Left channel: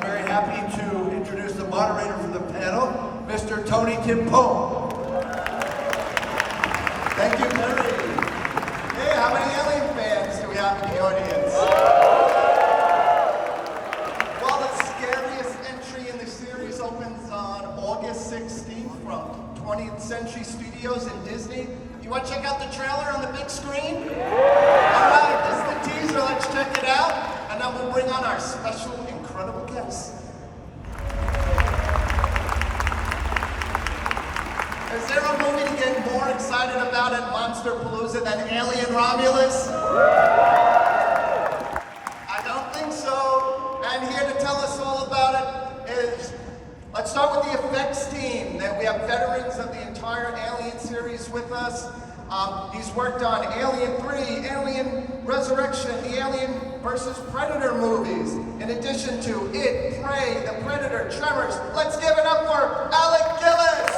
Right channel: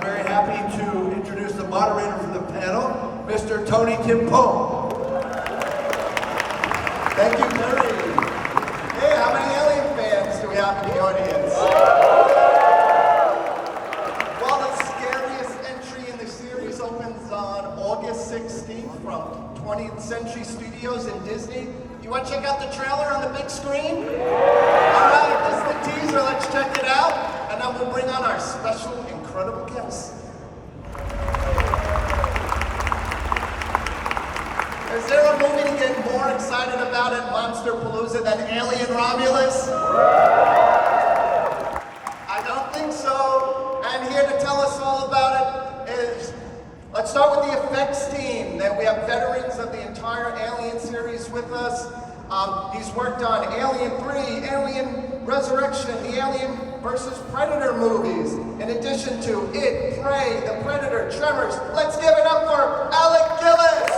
I'm very happy to introduce the moderator for the panel, Mr. Tony Timpone. Thank you, Terry. Hey, how many Alien fans do we have in the audience? Well, the scariest entry in the series opens on August 16th from 20th Century Studios in Disney. You want to check out the trailer on the big screen? All right, this is the teaser. Let's check it out. And then we'll bring on our special, incredible guest. Is there a movie to get more excited about at Monsterpalooza than Alien Romulus? I don't think so. And here to tell us all about it is, let's start with the effects team. Then we have veterans of the entire Alien series with us. He's worked on Alien 3, Alien Resurrection, the Alien vs. Predator movies. In addition to It, Prey, The Predator, Tremors. Let's give it up for Alec Gillis!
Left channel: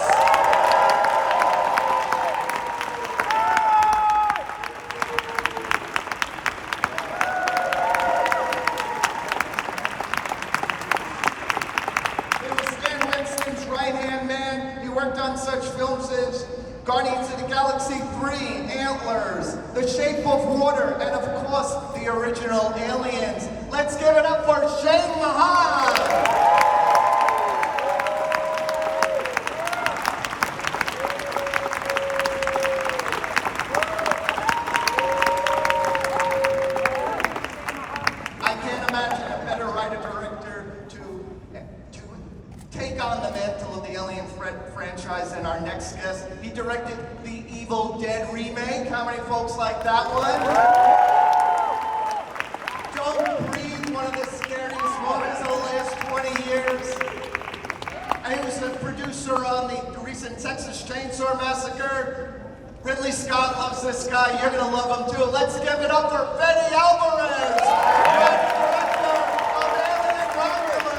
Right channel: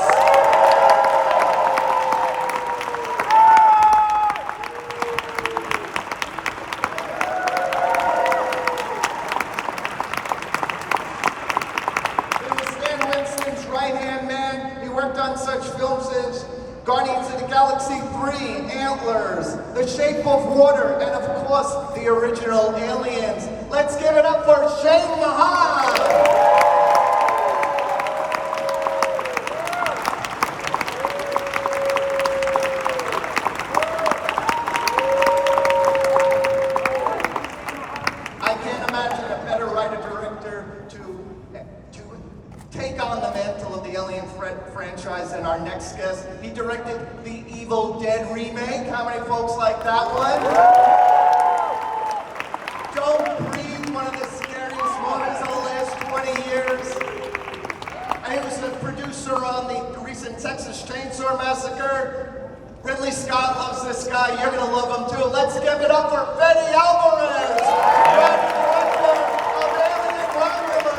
On such films as Guardians of the Galaxy 3, Antlers, The Shape of Water, and of course, the original Aliens. Let's give it up for Shane Mahan! I can't imagine a better writer-director to take on the mantle of the Alien franchise than our next guest. He directed the Evil Dead remake. How many folks like that one? Don't Breathe, one of the scariest movies of the last 20 years. And he was the producer on the recent Texas Chainsaw Massacre. Ridley Scott loves this guy. You're gonna love him too. Let's give it up for Fede Álvarez, director of Alien Romulus.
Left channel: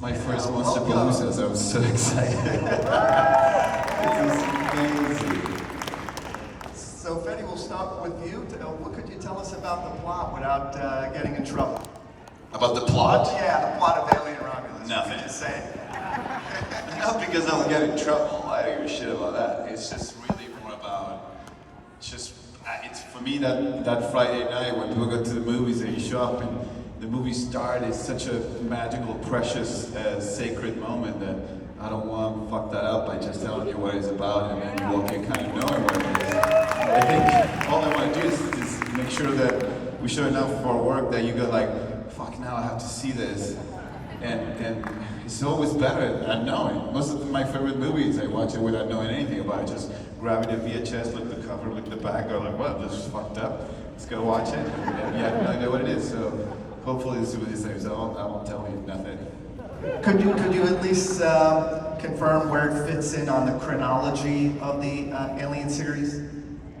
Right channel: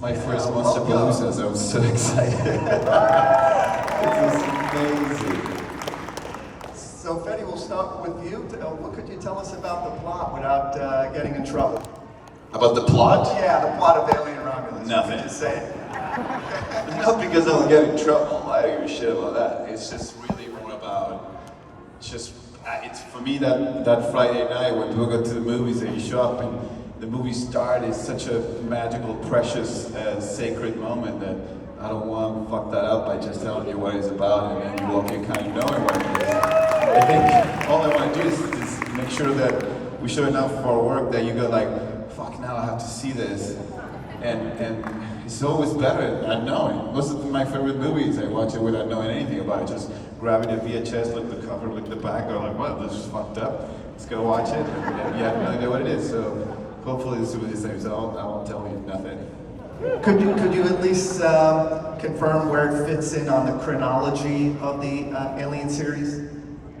My first Monsterpalooza, so I'm so excited. This is amazing. So, Fede, we'll start with you. What could you tell us about the plot without getting in trouble? About the plot? Yeah, the plot of Alien Romulus. Nothing. What could you say? Not because I'll get in trouble. I don't give a shit about that. It's just really more about, it's for me that Friday night when people go to the movies and you show up and the movie start is such a magical, precious, sacred moment that I don't want to fuck that up by just telling you what it's about and then you walk in kind of knowing what it is. I think all I want to do is make sure that we show enough for work that you go like, fuck, now I have to see this. And it's always better not knowing. Most of my favorite movies, I watch it without knowing anything about it. Just grabbing a VHS, look the cover, look the back, go like, what, this is fucked up. Let's go watch it. And you have no idea what it is. So hopefully this will be the same, so I won't tell you nothing. Could you at least confirm where it fits in on the chronology of the Alien series?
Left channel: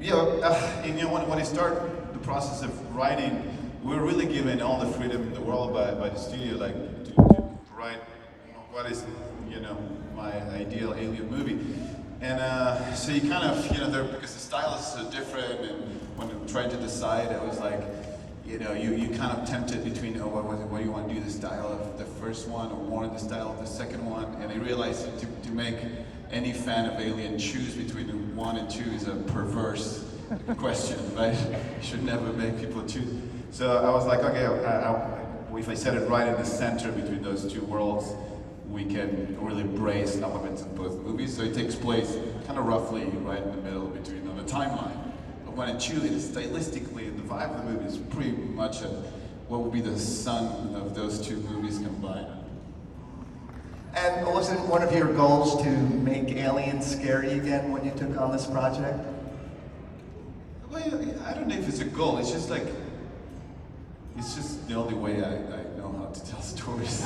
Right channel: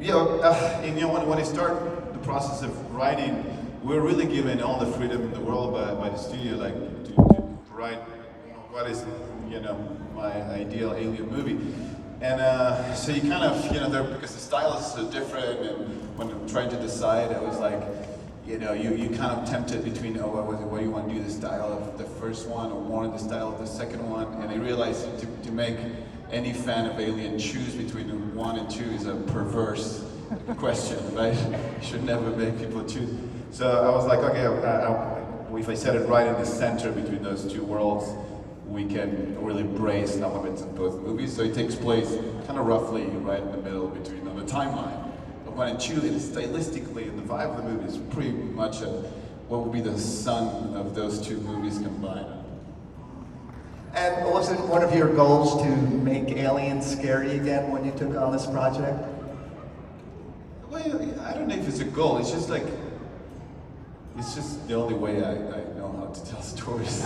Yeah, when I start the process of writing, we're really given all the freedom in the world by the studio, like to write what is, my ideal Alien movie. And so you kind of, because the style is so different, and when I'm trying to decide, I was like, you kind of tempted between, what do you want to do, the style of the first one or more the style of the second one? And I realized to make any fan of Alien choose between 1 and 2 is a perverse question, right? You should never make people choose. So I was like, okay, if I set it right in the center between those two worlds, we can really embrace elements of both movies. So it takes place kind of roughly right in the middle between on the timeline. 1 and 2, stylistically, and the vibe of the movie is pretty much what would be the sum of those two movies combined. And was it one of your goals to make Alien scary again when you took on this project? Well, I don't know if it's a goal. It's just like, it's just the only way I know how to tell stories.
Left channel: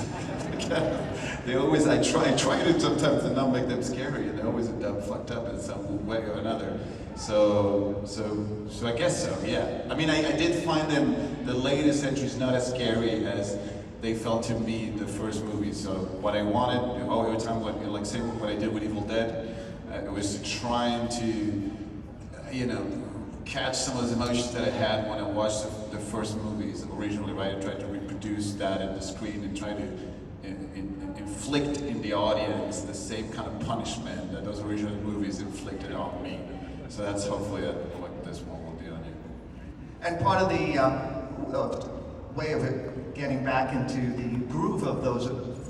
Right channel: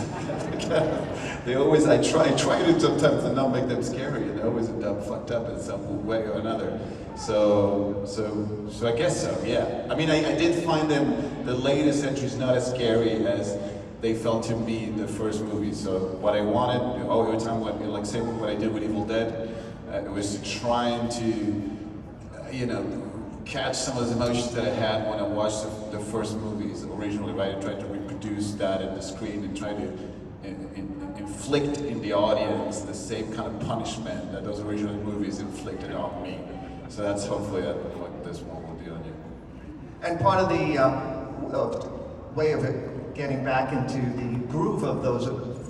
I try to sometimes and not make them scary, and they always end up fucked up in some way or another. So I guess so, yeah. I mean, I did find the latest entries not as scary as they felt to me the first movie. So what I wanted, every time, like same what I did with Evil Dead, it was trying to, catch some of the emotions that I had when I watched the first movies originally, right? And trying to reproduce that in the screen and try to inflict in the audience the same kind of punishment that those original movies inflicted on me. So that's hopefully what this one will do on you. And part of the way of it getting back into the groove of those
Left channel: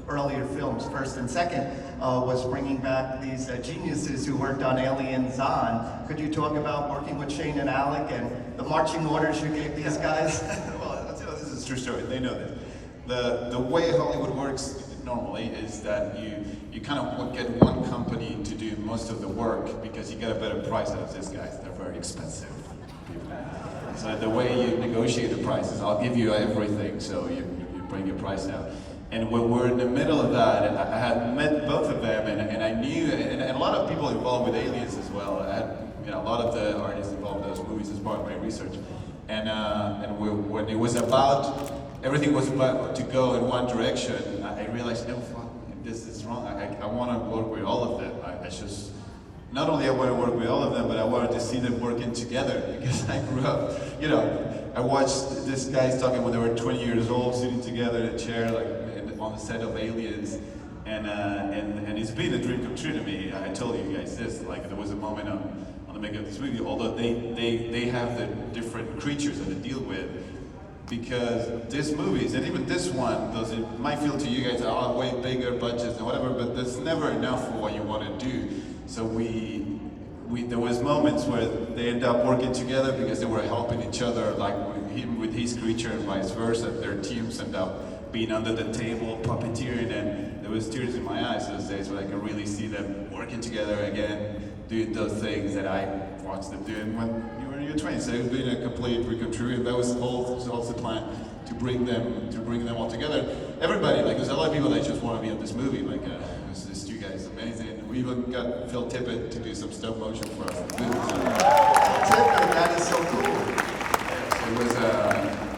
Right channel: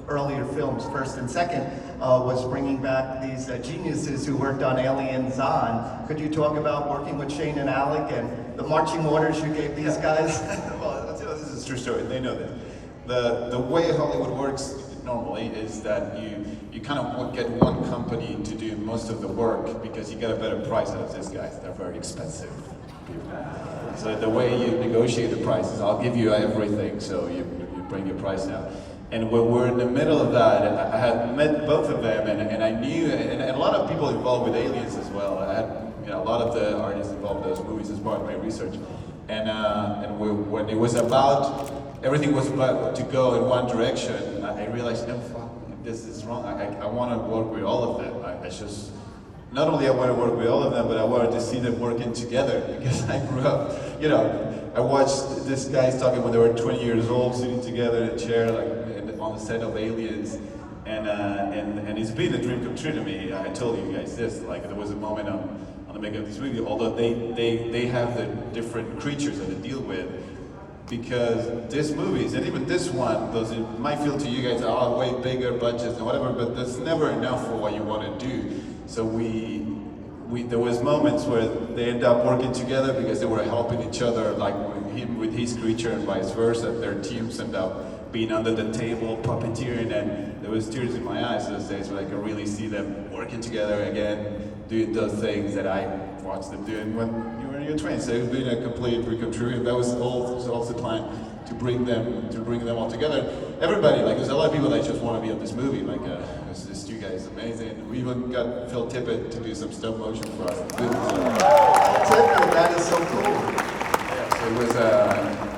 earlier films, first and second, was bringing back these geniuses who worked on Aliens On. Could you talk about working with Shane and Alec and the marching orders you gave these guys? Well, this is a true story. They know this. The way Hollywood works normally is that you kind of get one company to do most of the work because you get a better price out of these guys. They're very expensive people. So the way you negotiate the prices, I'll give you everything, so you bring your price down. And when we're in the middle of that, I had met both of them, and I knew, and a lot of people involved with Aliens as well. I had a lot of the artists involved in those movies as part of my research. And when it was everything was about to go in one direction, I realized, no, fuck, this is wrong. I want to work with all of them. Not only I want to work with all of them, but I wanted to see them working together because I grew up, I watched these guys talking when they were 20 years old, sitting together in a chair, like on the set of Aliens, and it's been a dream come true to me. I told you guys this, like there was a moment on the making of this movie, although they have the different creatures that they deal with, because these movies, and even this one, it might feel to you guys, way bigger budgets and whatever, but that's never enough for what you want to do. So there was moments where they end up working together because they were helping each other, like him with his creature and vice versa. Their teams end up being under the table, puppeteering, and there was tears in my eyes those days where I could really see them working together again, doing those things that I watched them doing when you were in your 20s. So it's been a complete recon, and that was also the plan, to bring them all together. Everybody, like there's a lot of people that just want to be on this movie, like this you guys amazing. We even got Phil Tippett to do some stop motion for us. Tippett, that is so cool. Yeah, so it was,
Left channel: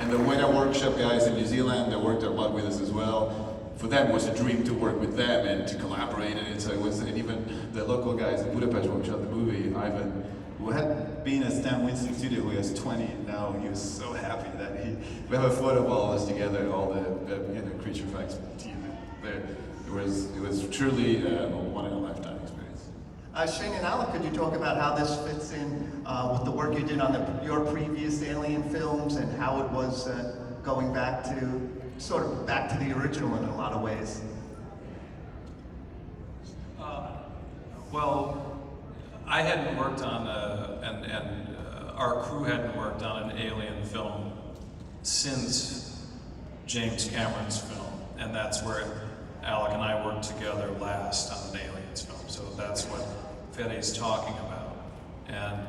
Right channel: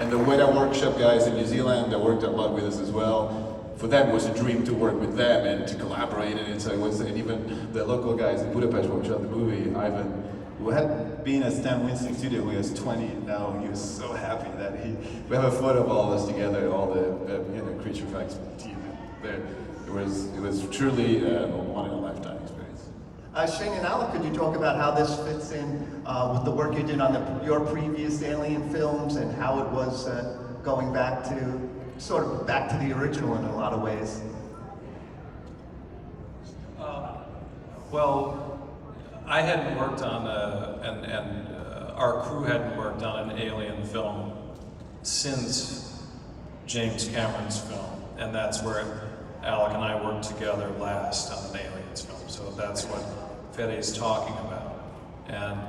and the Weta Workshop guys in New Zealand that worked a lot with us as well. For them, it was a dream to work with them and to collaborate, and so it was, and even the local guys in Budapest when we shot the movie, Ivan, who had been at Stan Winston Studio when he was 20, and now he was so happy that we have a photo of all of us together, all the creature effects team there. It was truly a one-in-a-lifetime experience. Shane and Alec, could you talk about how this fits in with the work you did on your previous Alien films and how it was going back to the original in a lot of ways? Well, I hadn't worked on, our crew hadn't worked on an Alien film since James Cameron's film, and that's where Alec and I worked together last on an Aliens film. So that's what Fede's talking about, and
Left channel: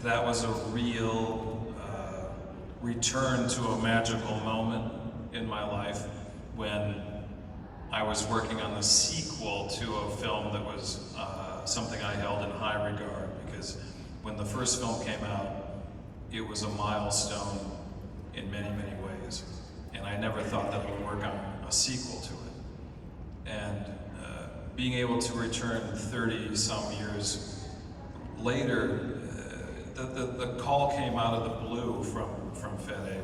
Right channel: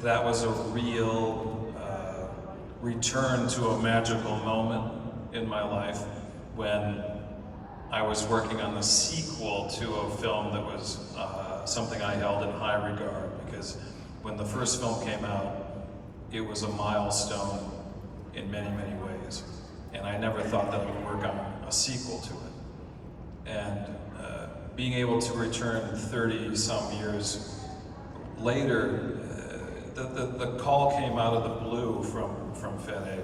that was a real return to a magical moment in my life when I was working on the sequel to a film that was something I held in high regard, because when the first film came out, it was a milestone in many, many ways. And I never thought that I would work on a sequel to it. And being able to return 30-some years later, the call came out of the blue from Fede.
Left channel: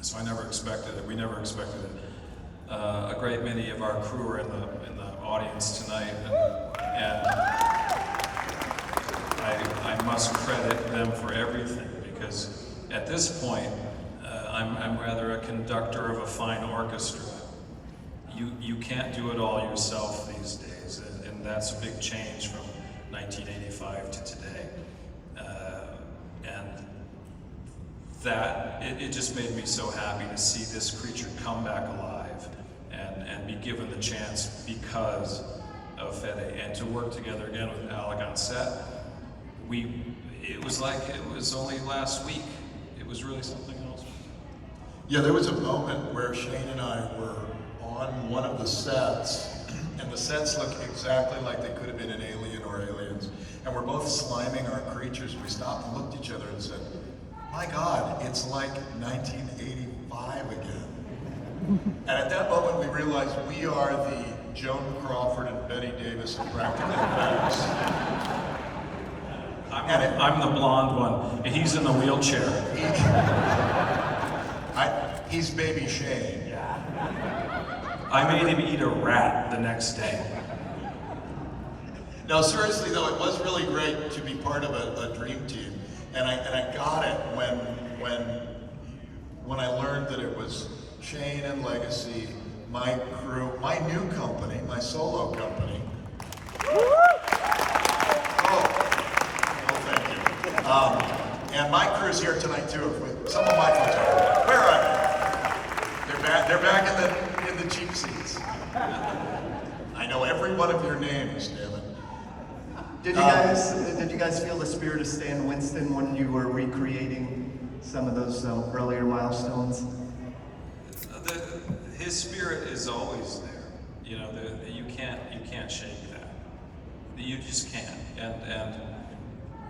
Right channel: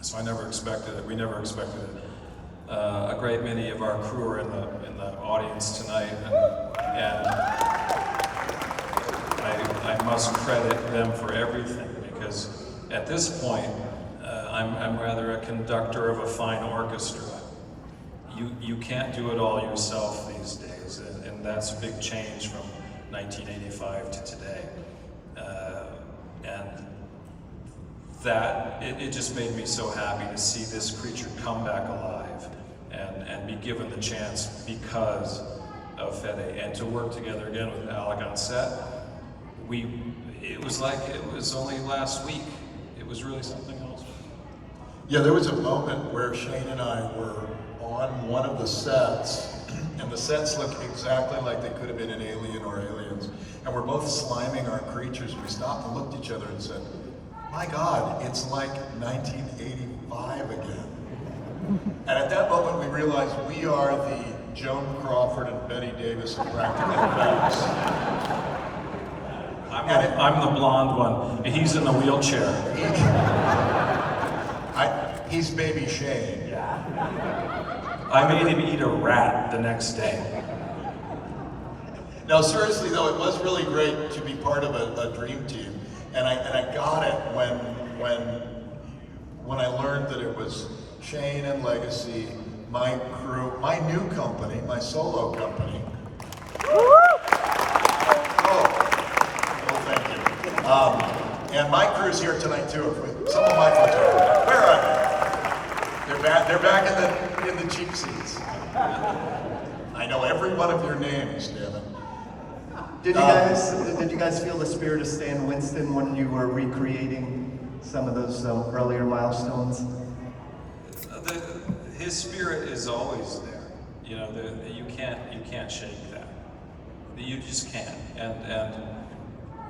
So I never expected it. We never expected it. A great many of our crew are in the audience tonight, and I must credit them for everything, because at this point I'm rather a conductor of a fine orchestra. You can't do it all yourself these days, and that's a big change from 1985 to today. And that it just made me so happy to see this creature come back alive and be given the chance because of Fede, and to work together again with Alec on set. It was like it was only last week. It was really something else. Yeah, there was a moment where Shane and I were on one of the sets, and the sets looked exactly like they could have been an Alien or Aliens, and we're both sliming our creatures. We stopped and looked at each other and said, "My God, it's like 1985 again." And at that moment, we realized we are the Joan Crawford and Betty Davis of practical effects. I'm the blonde one. He's in the wheelchair. He's baby Shane. I made him eat a rat the next day. No, seriously though, it was really great to be part of a dream team, and I got it when I learned that it was Shane and Legacy, my crew, my new company, my solo company. Oh, well, thank you. And my crew's here tonight too. Some of my folks are here. Where are they? They're back in the cheap seats. I know every one of your names, damn it. Did you guys feel the spirit of Stan Winston when you were recreating some of those earlier milestones? His spirit is always there. You know, you can't shake that. You just can't. And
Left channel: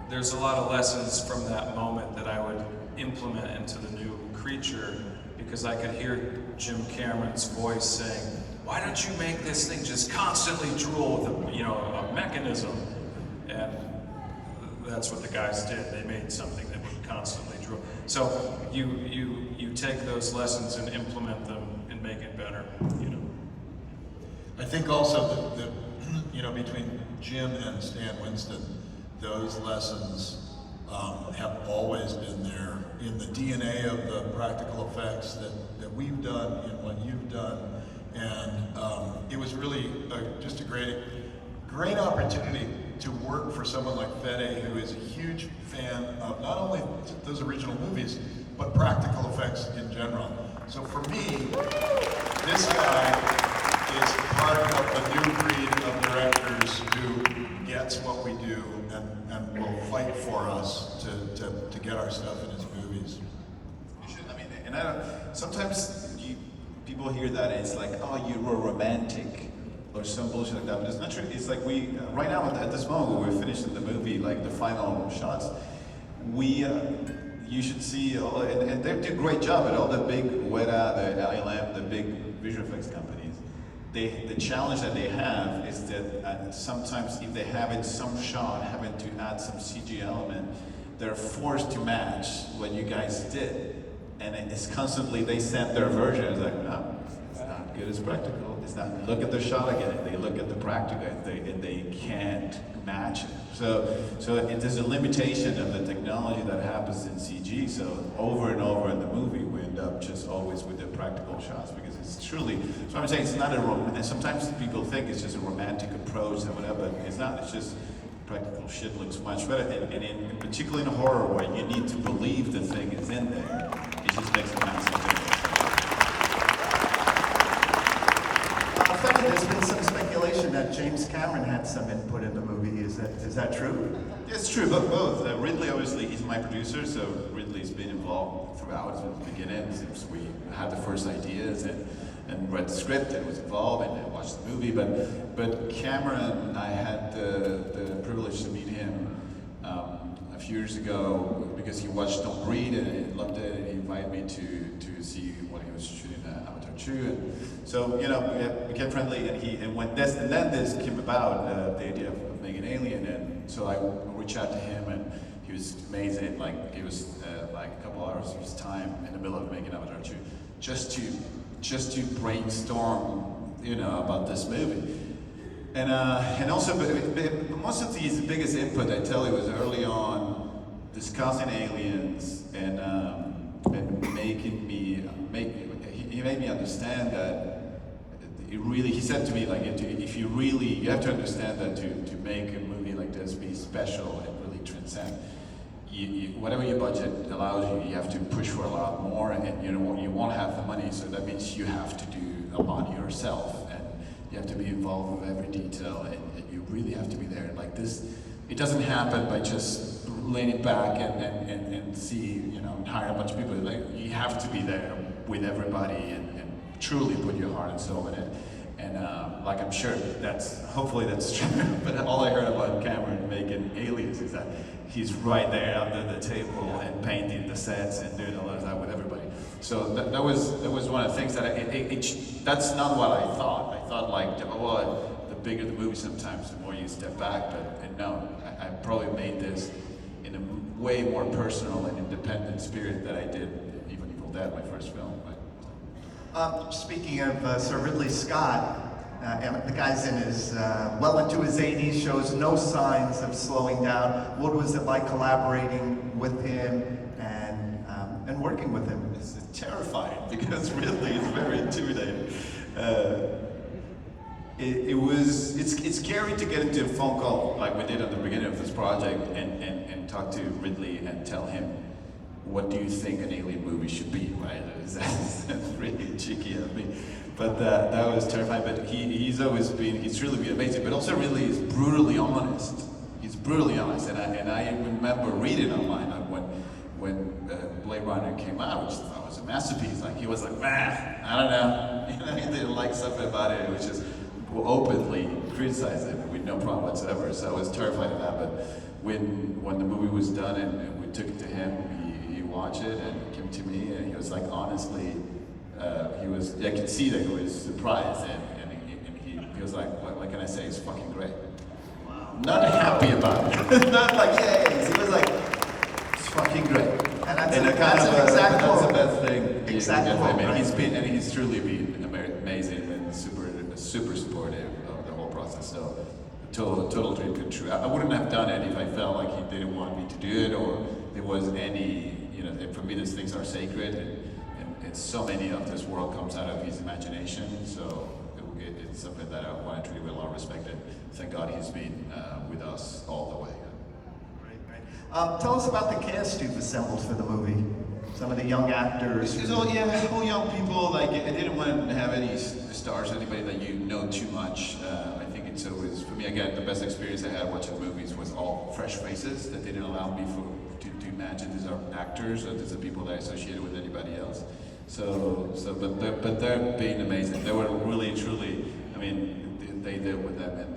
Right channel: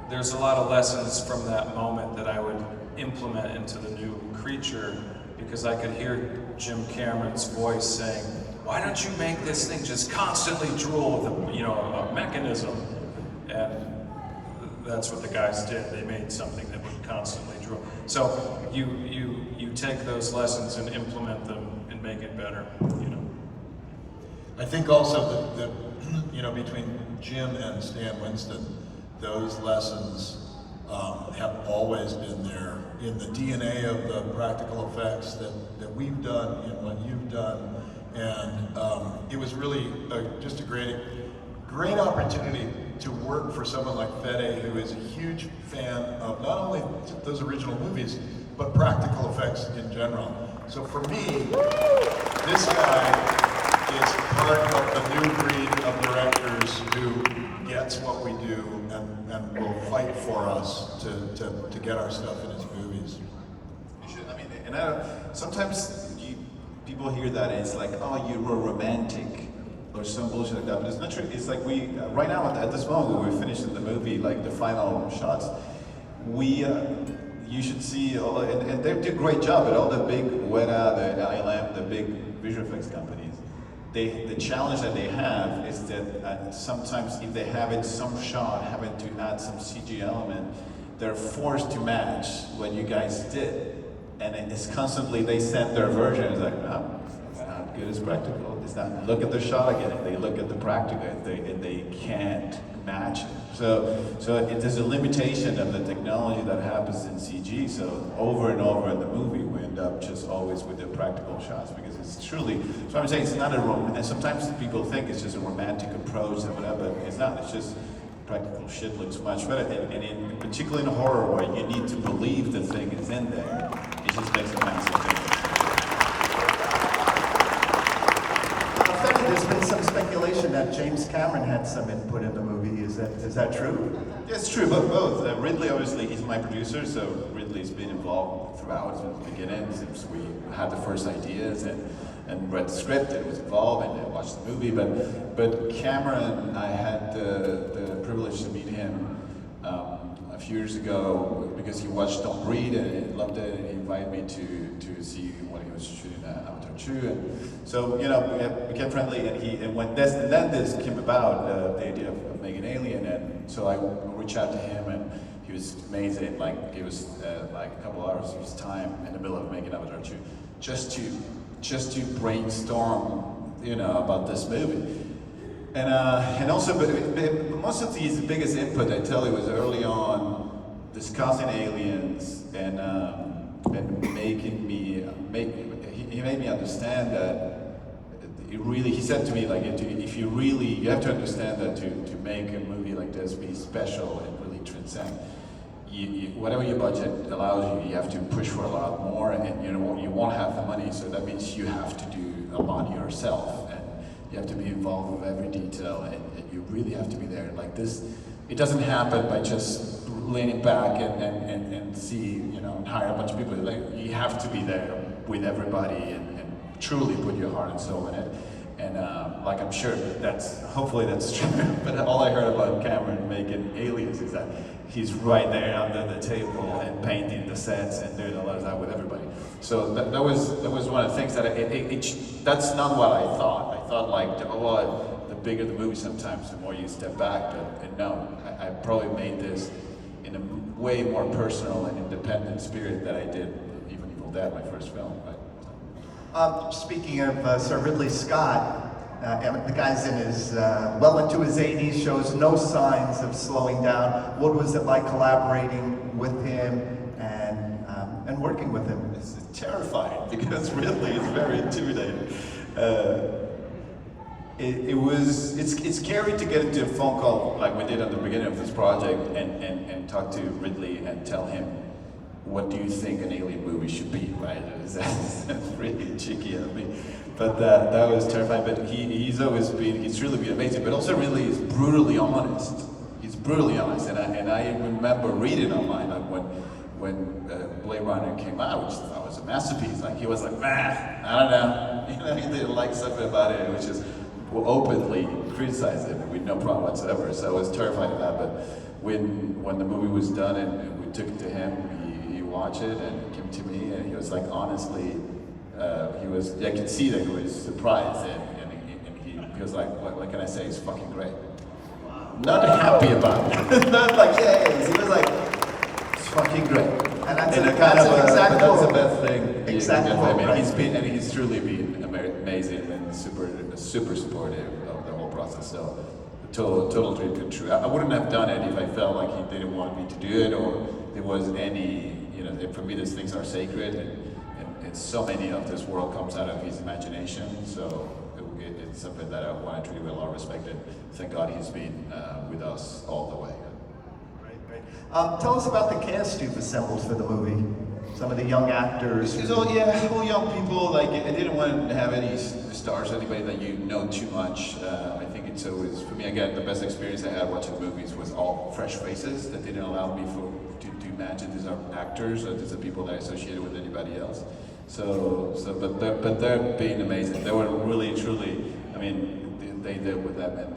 there's a lot of lessons from that moment that I would implement into the new creature, because I could hear Jim Cameron's voice saying, "Why don't you make this thing just constantly drool with a mechanism?" And that's what the guys did. They made something that would constantly drool. So you take those lessons and implement them and make it better. You know. I think also that between Jim and Stan Winston, those lessons have always been there in the DNA of the practical effects that we've done, what you've done, and it was really just a great opportunity to work for someone like Fede, who is a huge fan of not only those original movies, but practical effects in general. So for me, this guy is part of the new breed of directors who gets what we do and will fight for us to get our stuff in his movies. You should, sometimes people hear that and it's like, oh, you're more romantic or some bullshit like that, but it's not true. It's like we, right now at this moment when we're finishing the movie, like the final shots, you should see, and they do a great job at all the big Weta, the ILM, the big visual effects companies. The challenge that they have is that sometimes if they have in some shot having to add some CG element, they're forced to match what you guys did. And it's constantly, they send their version, it's like, no, it's not good as practical. It's not, look at the shot again, they look at the practical, and they can't match it. So there's a limitation of the technology that happens in CG, so over and over in the movie, we end up just always with the practical shots, because it's truly, so I'm saying it's not and sometimes people think it's just a romantic approach and whatever, but it's not, it's just practical shit looks much better, and in particularly in horror where you need to believe the thing is in there, it just makes a massive difference. There's been some speculation that James Cameron had some input in the movie. Is that true? Yeah, it's true, both. Ridley, obviously, he's my producer, so Ridley's been involved throughout since the beginning, since we had the first ideas and read the script and was involved and watched the movie. But Cameron, I had the privilege to meet him a few years ago because he watched Don't Breathe and he loved it, and he invited me to see what he was shooting at Avatar 2. And so, we became friendly, and when this came about, the idea of making Alien, and so I reached out to him, and he was amazing, like, gave us like a couple hours of his time in the middle of making Avatar 2, just to brainstorm, about this movie. And also, but most of the biggest input, I tell you, was early on discussing aliens and making me he made me understand that he said to me, like, you have to understand that to make a movie like this be special and really transcend, whatever your budget allows you, you have to push for a lot more, and you won't have the money, so that means you have to do a lot yourself, and you have to be involved with every detail, and you really have to be there. Like this, it doesn't happen by just leaning back and see, and hire a bunch of people. Like, you have to be there with everybody and truly put your heart and soul in it. And like I'm sure hopefully that's true, but all I heard about Cameron making Aliens is that he's right there under the table and painting the sets and doing a lot of that with everybody. So that was one of the things that that's not what I thought. I thought like, the bigger the movie sometimes, the more you step back, but no, I probably made this in a way more personal and independent spirit that I did even Evil Dead, my first film. Speaking of Sir Ridley Scott, the guy's in his well into his 80s, shows no signs of slowing down. What was it like collaborating with him and working with him? It's terrifying because Ridley is very intimidating. It's scary to get into a phone call like we did at the beginning of this project and talk to Ridley and tell him, what do you think an alien movie should be, right? That's really cheeky of me. But that was terrifying. But he's really been amazing. But also Ridley is brutally honest. He's brutally honest. And I remember reading online like when Blade Runner came out, which I thought was a masterpiece. Like he was like, I don't know. You know, he didn't like something about it, which is openly criticized it with no problem whatsoever. So I was terrified of that. But when the movie was done and we took it to him, he watched it and he came to me and he was like, honestly, I could see that he was surprised and he was like, what can I say? It's fucking great. Not happy about it. Not like, yeah. He was like, it's fucking great. And that's an exact that's quote. the best thing. Exact quote, right? He's truly been amazing and super supportive of the whole process. So, total dream come true. I wouldn't have done it if I felt like he didn't want me to do it, or there was any, for me these things are sacred, and so many of this world comes out of his imagination. So it's something that I want to treat with a lot of respect, and thank God he's been with us all the way. Great. Tell us about the cast you've assembled for the movie. Some of the young actors. It's all young people. Like I didn't want to have any stars, anybody that you know too much. I think it's always, for me again, the best experience I had watching movies was all fresh faces that didn't allow me to imagine these are actors or these are people that I associated with anybody else. But they're being amazing. They were really truly. I mean, they did with them, and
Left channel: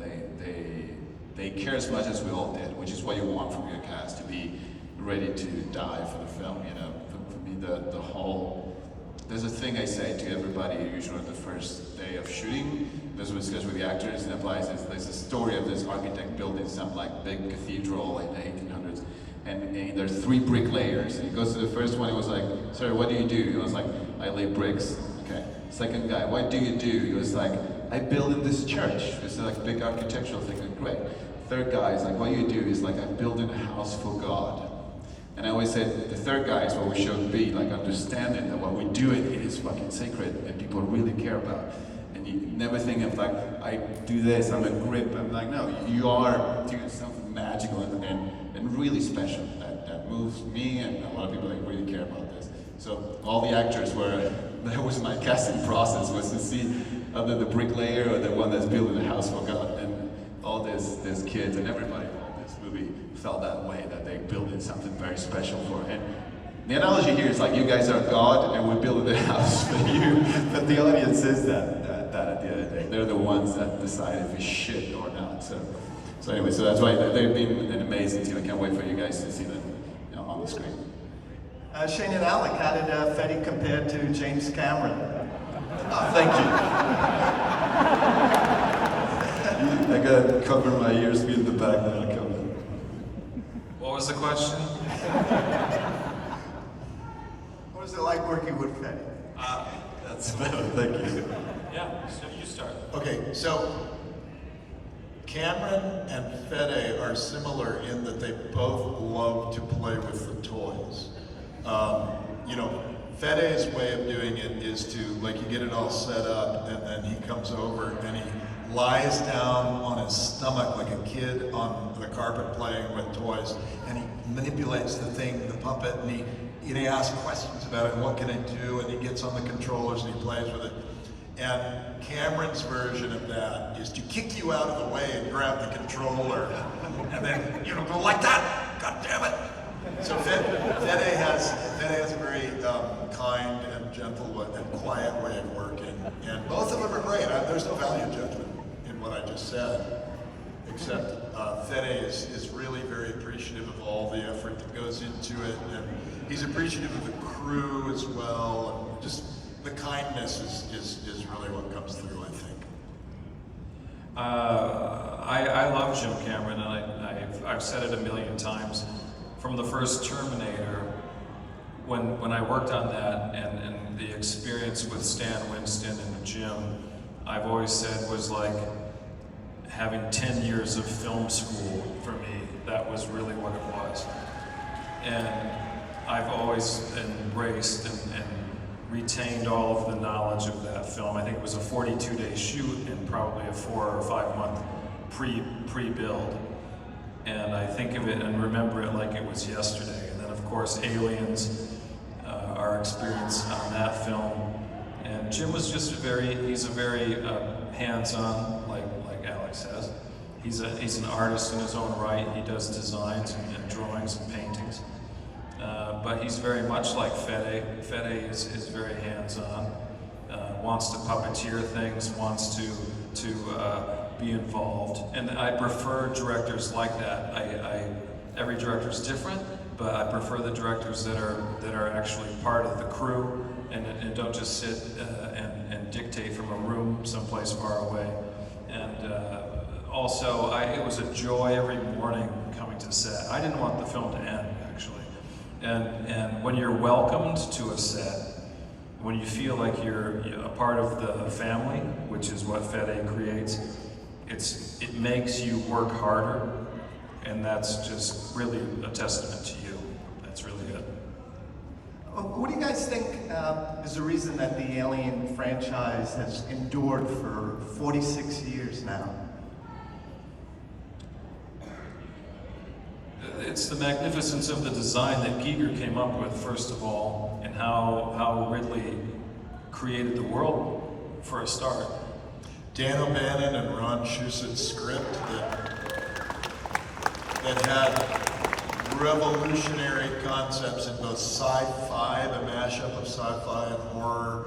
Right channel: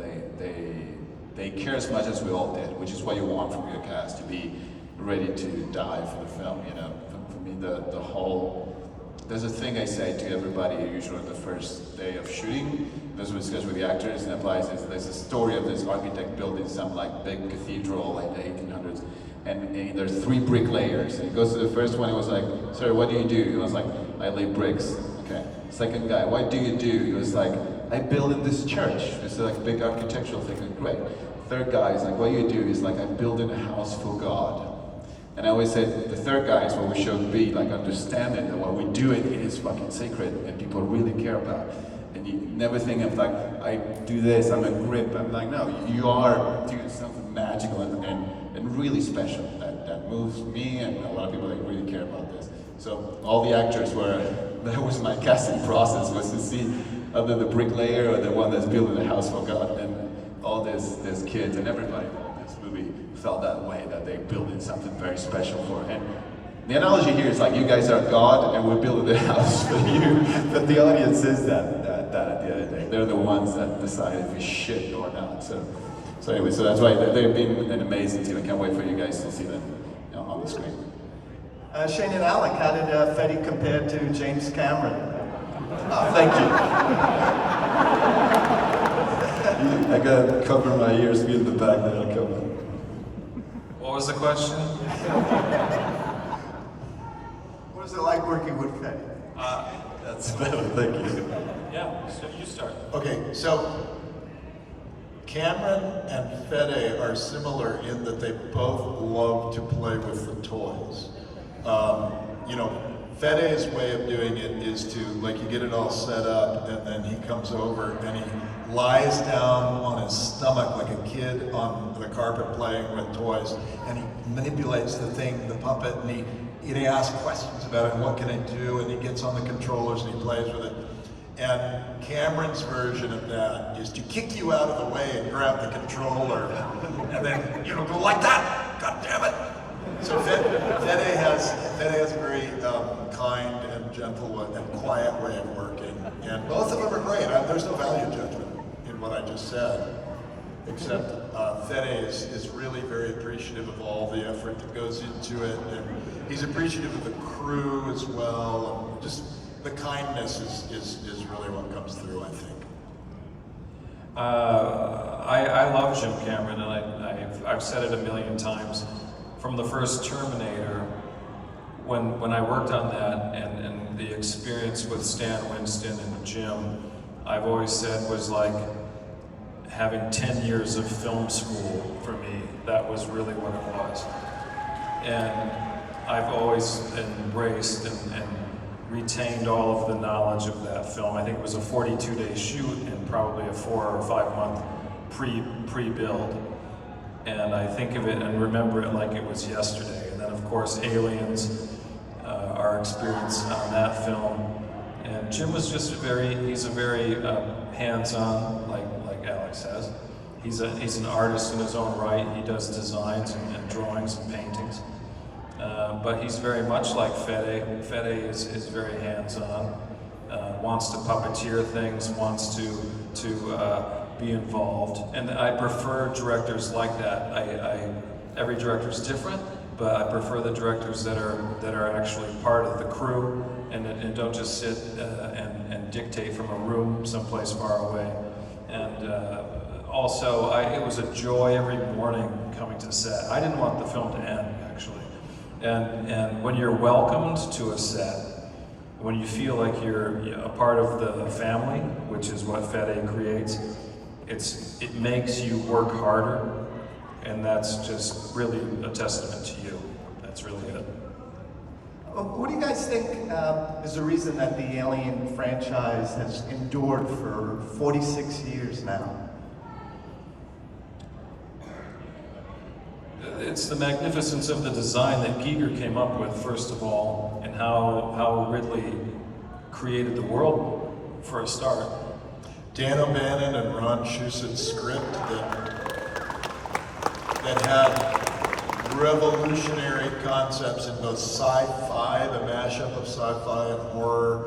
they care as much as we all did, which is what you want from your cast, to be ready to die for the film. For me, the whole, there's a thing I say to everybody usually on the first day of shooting, as we discuss with the actors and applies, is there's a story of this architect building some like big cathedral in the 1800s, and there's 3 bricklayers, and he goes to the first one, he was like, sir, what do you do? He was like, I lay bricks. Okay. Second guy, what do you do? He was like, I build in this church. It's like a big architectural thing, like, great. Third guy is like, what do you do? He's like, I build in a house for God. And I always said, the third guy is what we should be, like understanding that when we do it, it is fucking sacred and people really care about. And you never think of like, I do this, I'm a grip. I'm like, no, you are doing something magical and really special that moves me and a lot of people that really care about this. So all the actors that was my casting process, was to see either the bricklayer or the one that's building the house for God. And all these kids and everybody involved in this movie felt that way, that they're building something very special for it. And the analogy here is like, you guys are God and we're building the house for you, but the audience is that at the end of the day. They're the ones that decide if it's shit or not. So anyway, so that's why they've been an amazing team. I can't wait for you guys to see them on the screen. Shane and Alec, how did Fede compare to James Cameron? Thank you. I gotta cover my ears, be in the back, then I'll come in. What was the question? What was it like working with Fede? That's better, thank you. Yeah, so you start. Okay, so Cameron and Fede are similar in that they both love to play with the toys. Fede's way of doing it is to, like, you get it all set up and then he comes over and he lies down on his stomach like a kid on the carpet playing with toys, and he manipulates the thing, the puppet, and he asks questions about it, and what can I do, and he gets on the controllers and he plays with it. And Cameron's version of that is to kick you out of the way and grab the controller and then, go like that, God damn it. So Fede has a very kind and gentle and quiet way of working, And both of them are great. There's no value judgment in what I just said, except Fede is really very appreciative of all the effort that goes into it, and he's appreciative of the crew as well, and just the kindness is really what comes through, I think. I love Jim Cameron, and I've said it a million times. From the first Terminator, when I worked on that, and the experience with Stan Winston and Jim, I've always said was like having 10 years of film school for me. That was really what it was. And I've always embraced and retained all of the knowledge of that film. I think it was a 42-day shoot and probably a 4 or 5 month pre-build. And I think of it and remember it like it was yesterday. And then of course Aliens, our experience on that film. And Jim was just he's a very hands-on, like Alec says. He's an artist in his own right. He does designs and drawings and paintings. But he's very much like Fede. Fede is very hands-on, wants to puppeteer things, wants to be involved. And I prefer directors like that. Every director's different, but I prefer the directors that are actually part of the crew and don't just sit and dictate from a room someplace far away. And also, it was a joy every morning coming to set. I didn't want the film to end, actually. And when you're welcomed to a set, when you feel like you're a part of the family, which is what Fede creates, it makes you work harder, and that's just really a testament to you. That's really it. What do you guys think is the reason that the Alien franchise has endured for 46 years now? It's the magnificence of the design that Giger came up with, first of all, and how Ridley created the world for a start. Dan O'Bannon and Ron Shusett script that had revolutionary concepts in both sci-fi, the mashup of sci-fi and horror.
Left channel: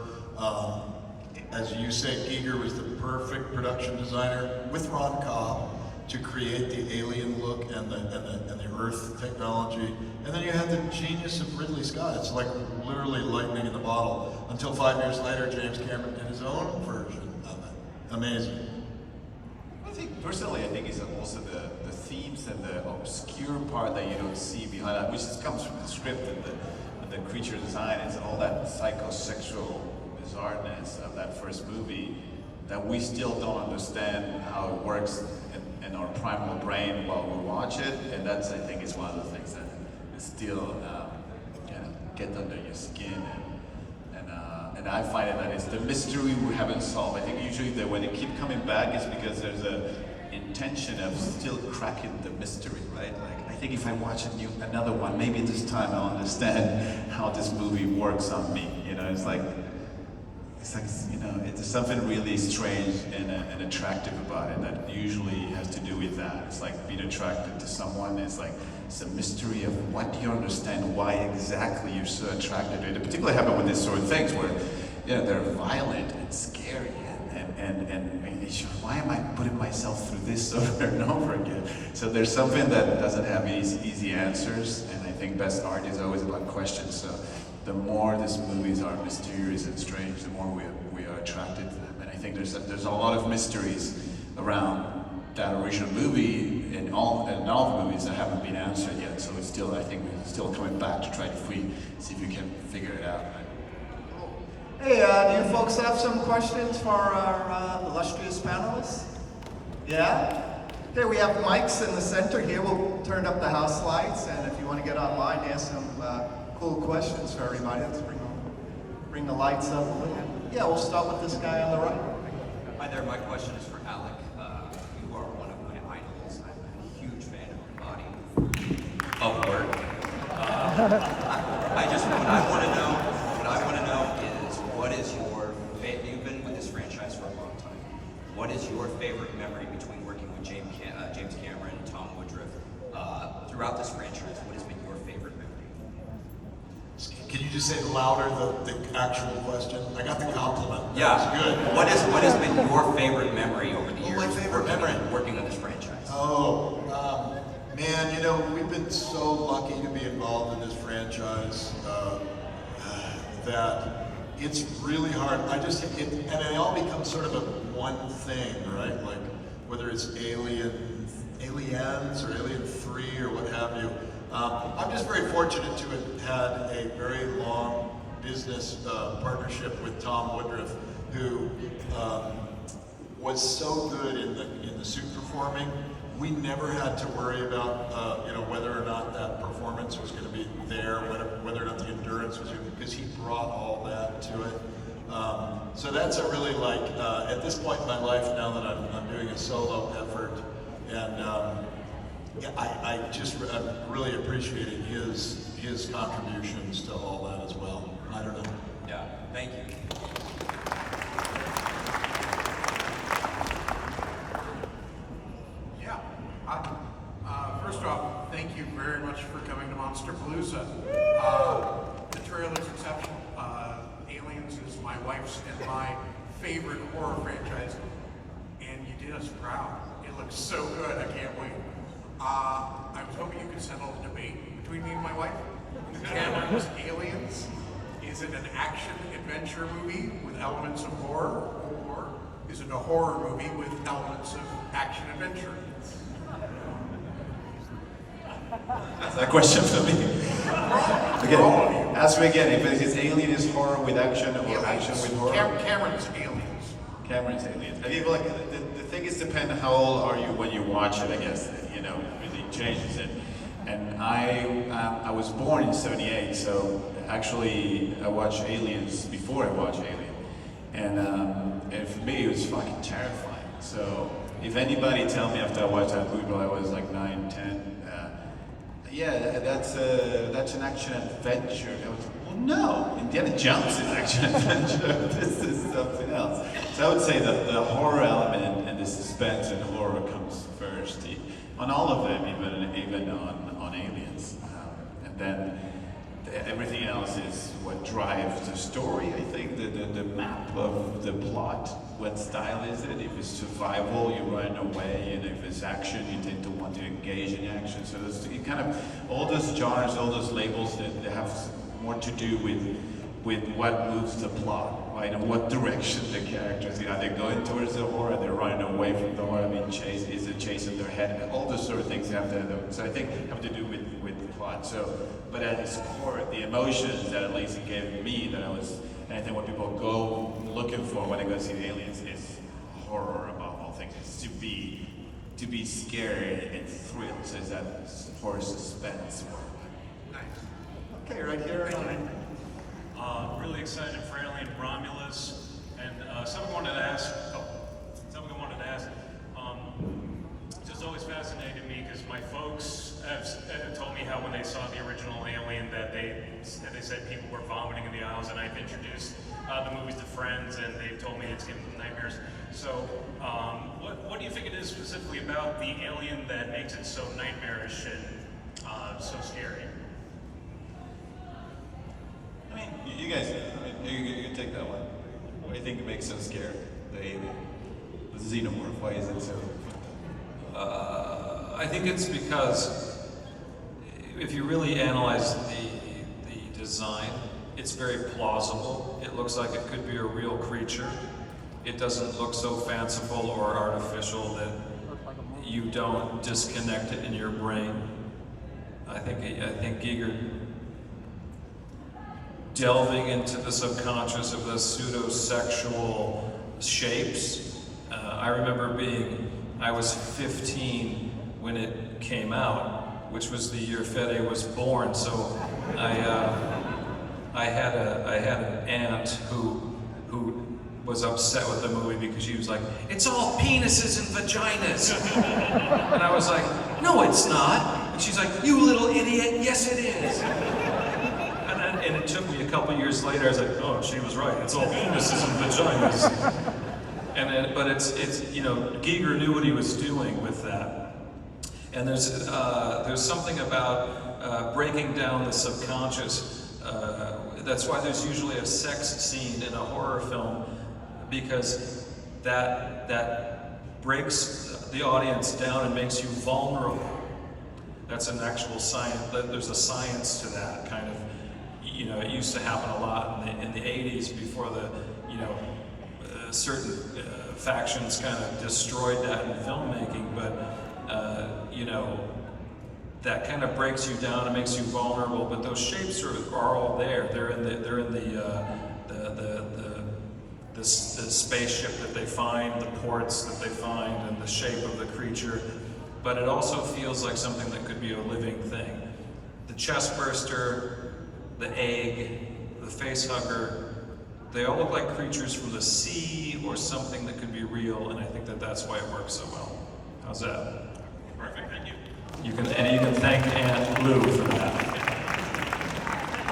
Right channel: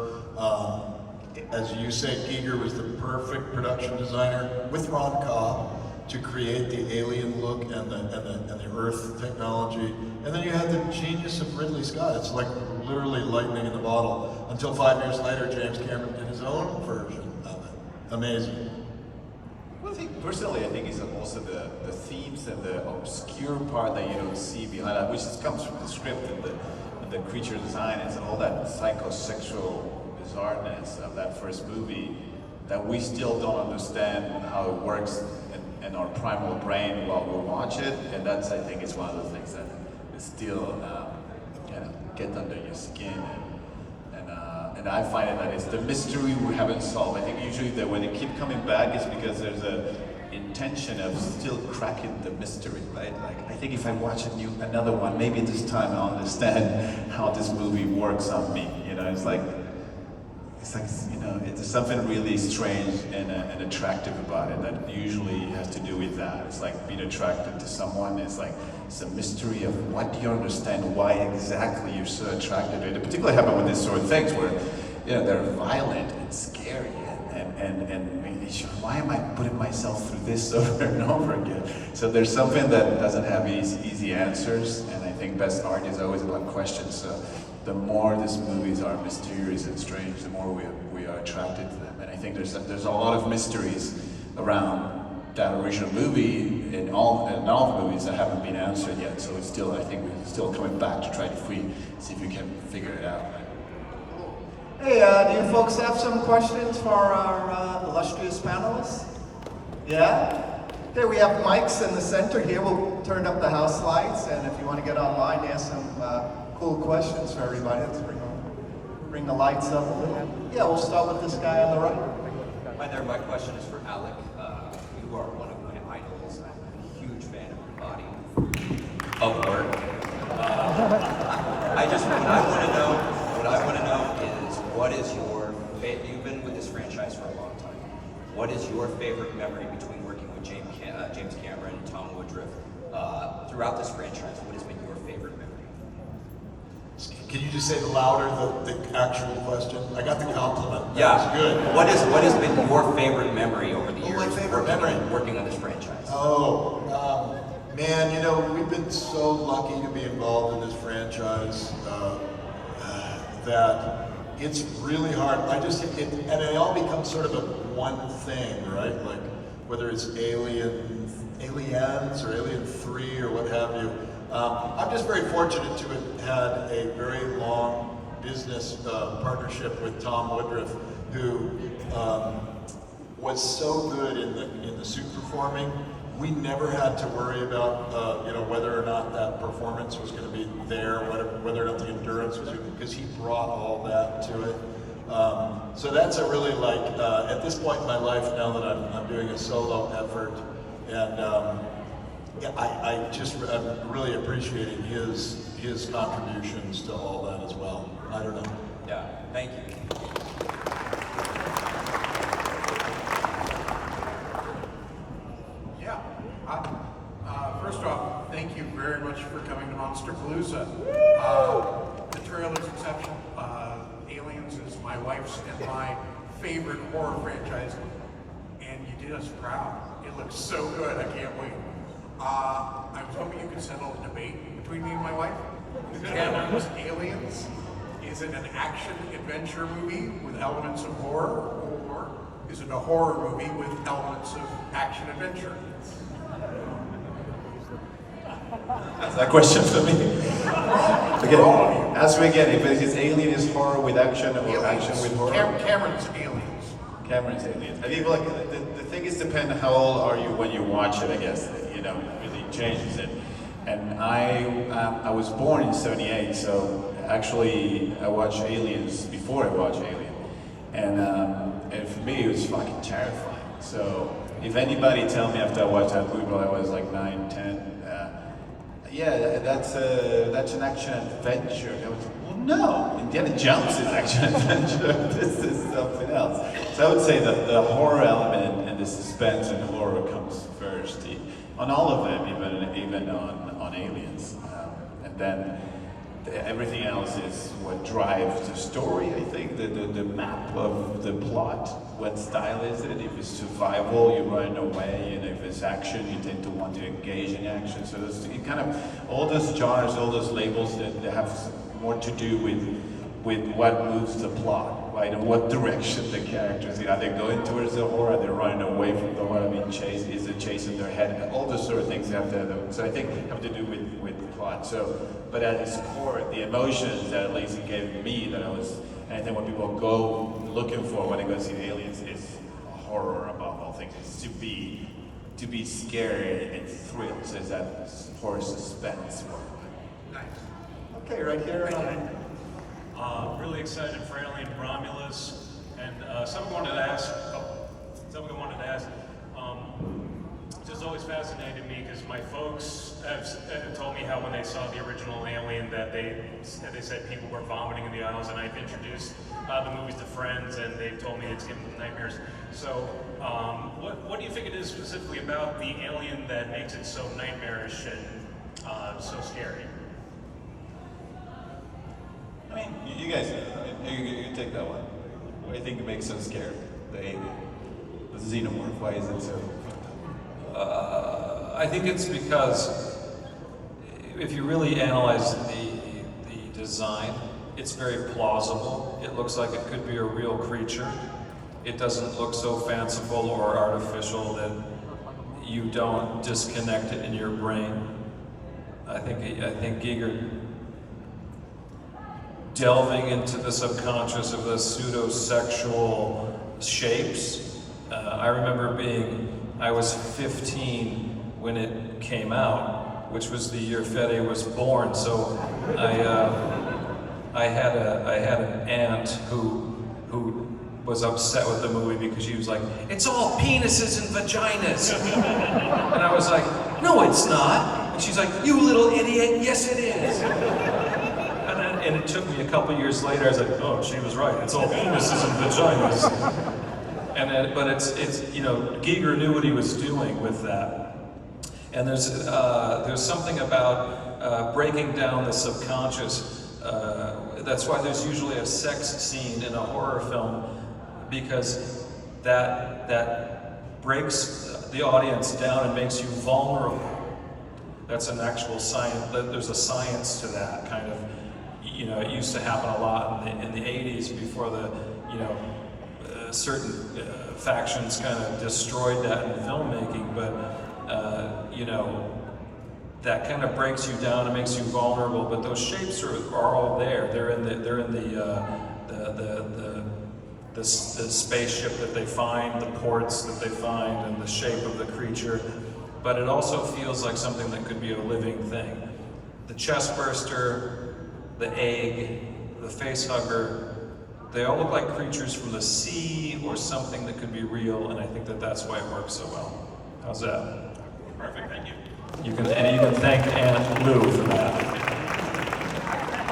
As you say, Giger was the perfect production designer with Ron Cobb to create the alien look and the Earth technology. And then you had the genius of Ridley Scott. It's like literally lightning in the bottle. Until 5 years later, James Cameron did his own version of it. Amazing. Well, personally, I think it's also the themes and the obscure part that you don't see behind that, which comes from the script and the creature design, and all that psychosexual bizarreness of that first movie that we still don't understand how it works in our primal brain while we watch it, and that's, I think, is one of the things that is still kind of get under your skin, and I find it that it's the mystery we haven't solved. I think usually that when they keep coming back is because there's a intention of still cracking the mystery, right? Like, I think if I watch another one, maybe this time I'll understand how this movie works on me. You know, it's like, you know, it's something really strange and attractive about it that usually has to do with that. It's like being attracted to someone. It's like, it's a mystery of what do you understand, why exactly you're so attracted to it. It particularly happens with these sort of things where, you know, they're violent and scary and why am I putting myself through this over and over again? So there's something that doesn't have easy answers, and I think best art is always about questions. So the more these movies are mysterious and strange, the more we are attracted to them. And I think there's a lot of mysteries around that original movie in all the movies that haven't been answered yet. So it's still, I think we're still coming back to try to see if we can figure it out. Hey, do you folks have some questions for our illustrious panelists? Yeah? Okay, we have mics in the center here. We'll turn up the house lights, and if you want to get online, ask some cool questions for everybody. Let's bring the lights up a little. Yeah, we'll start with this guy on the right. Hi there, my question is for Alec. You are one of my idols. I'm a huge fan of your body of work. What I want to know is, what is your you've been with this franchise for a long time. What is your favorite memory between working with James Cameron, Tom Woodruff, throughout this franchise? What has been your favorite memory? Can you you say louder the actual question? I got the compliment. Yeah. That was good. What has been your favorite memory over the years? my favorite memory? Working on this franchise. Oh, man, you know, we've been so lucky to be involved in this franchise that it's really hard. And it all becomes sort of a one thing, right? Like whether it's Aliens or Alien 3 or what have you. I'm just very fortunate to have had a very long business partnership with Tom Woodruff, who was so good in the suit performing. We never had to worry about whether or not that performance was going to be there, whether or not the endurance was, because he brought all that to it. So that's a really at this point in my life now that I'm doing a solo effort, and I'm really appreciating his contributions to all that as well. I don't know. Yeah, thank you. Yeah. First off, thank you very much for coming to Monsterpalooza. The trailer's exceptional. Aliens is my wife's and my favorite horror franchise, and you did us proud. It looks so good. I can't wait. I was hoping you could settle a debate between me and my wife. Canon's Aliens, is it an action-adventure movie with elements of horror, or is it a horror movie with elements of action-adventure? That's that question for me. Again, ask me again, if it is Alien is horror with action or Aliens. action with horror? Cameron's Aliens. Cameron's Aliens. I think the thing is depend how old are you when you watch it, I guess. It really changes it. And I was born in '78, so actually I watched Aliens before I watched Alien. And for me it was fucking terrifying. So if anybody tell me after I watched that movie when I was like 9, 10, yeah, that's an action adventure. Well, no, Indiana Jones is action adventure. This is something else. So I would say that the horror element and the suspense and horror comes first on all of them, even on Aliens, and then everything else is what drives the story. I think the map of the plot. What style is it? If it's survival, you're running away, and if it's action, you tend to want to engage in action. So there's kind of all those genres, all those labels that have more to do with what moves the plot, right? And what direction the characters are they going towards the horror? Are they running away from the horror? Being chased? Is it chasing their head? All those sort of things have to. So I think have to do with the plot. So, but at its core, the emotions that at least it gave me that I was. And I think what people go looking for when they go see Aliens is horror above all things. It's to be scared and thrilled. So it's that horror suspense. Nice. Okay, right here. Really excited for Alien Romulus, and something I wanted to ask. Just always fascinated me because my folks have told me how when they saw the original Alien that they said people were vomiting in the aisles, and I've introduced the movies to friends, and they've told me it's given them nightmares. So, what do you think it is specifically about the Alien that makes it so nightmarish and so scary? I mean, you guys, you take that one. What do you think makes it so scary? The Xenomorph. Why is it so? I think it's because if you really analyze the design, it's very plausible. It looks like it could be a real creature. It doesn't look so fanciful or artificial that you don't disconnect it in your brain. I think Giger delving into the subconscious of the pseudo-sexual shapes. I remember I was 15 when it came out, which was the year Fede was born. So I had an aunt who was upset with the movie because she was like, "It's all penises and vaginas," and I was like, "No, it's not." And she's like, "You little idiot! Yes, it is." And it took me a couple years later. I was like, "Oh, she was right. It's all penises and vaginas." And then, but it's Giger knew what he was doing with that. And there's something about breaking down the subconscious that's why there's usually a sex scene in a horror film, because that breaks the audience down and makes you vulnerable. That's an actual science. There's a science to that kind of. You know, it used to happen a lot in the 80s before the, you know, certain factions kind of destroyed that in filmmaking. But you know, that kind of breaks you down and makes you vulnerable. But those shapes are all there. They're in the spaceship that they find, the ports that they find, and the shape of the creature. But it also feels like something that could be a living thing. The chest burster, the egg, the face hugger, they all look like creatures from the sea or something that could be real, and I think that that's why it works so well. How's that? Perfect, thank you. You can thank Aunt Lou for that.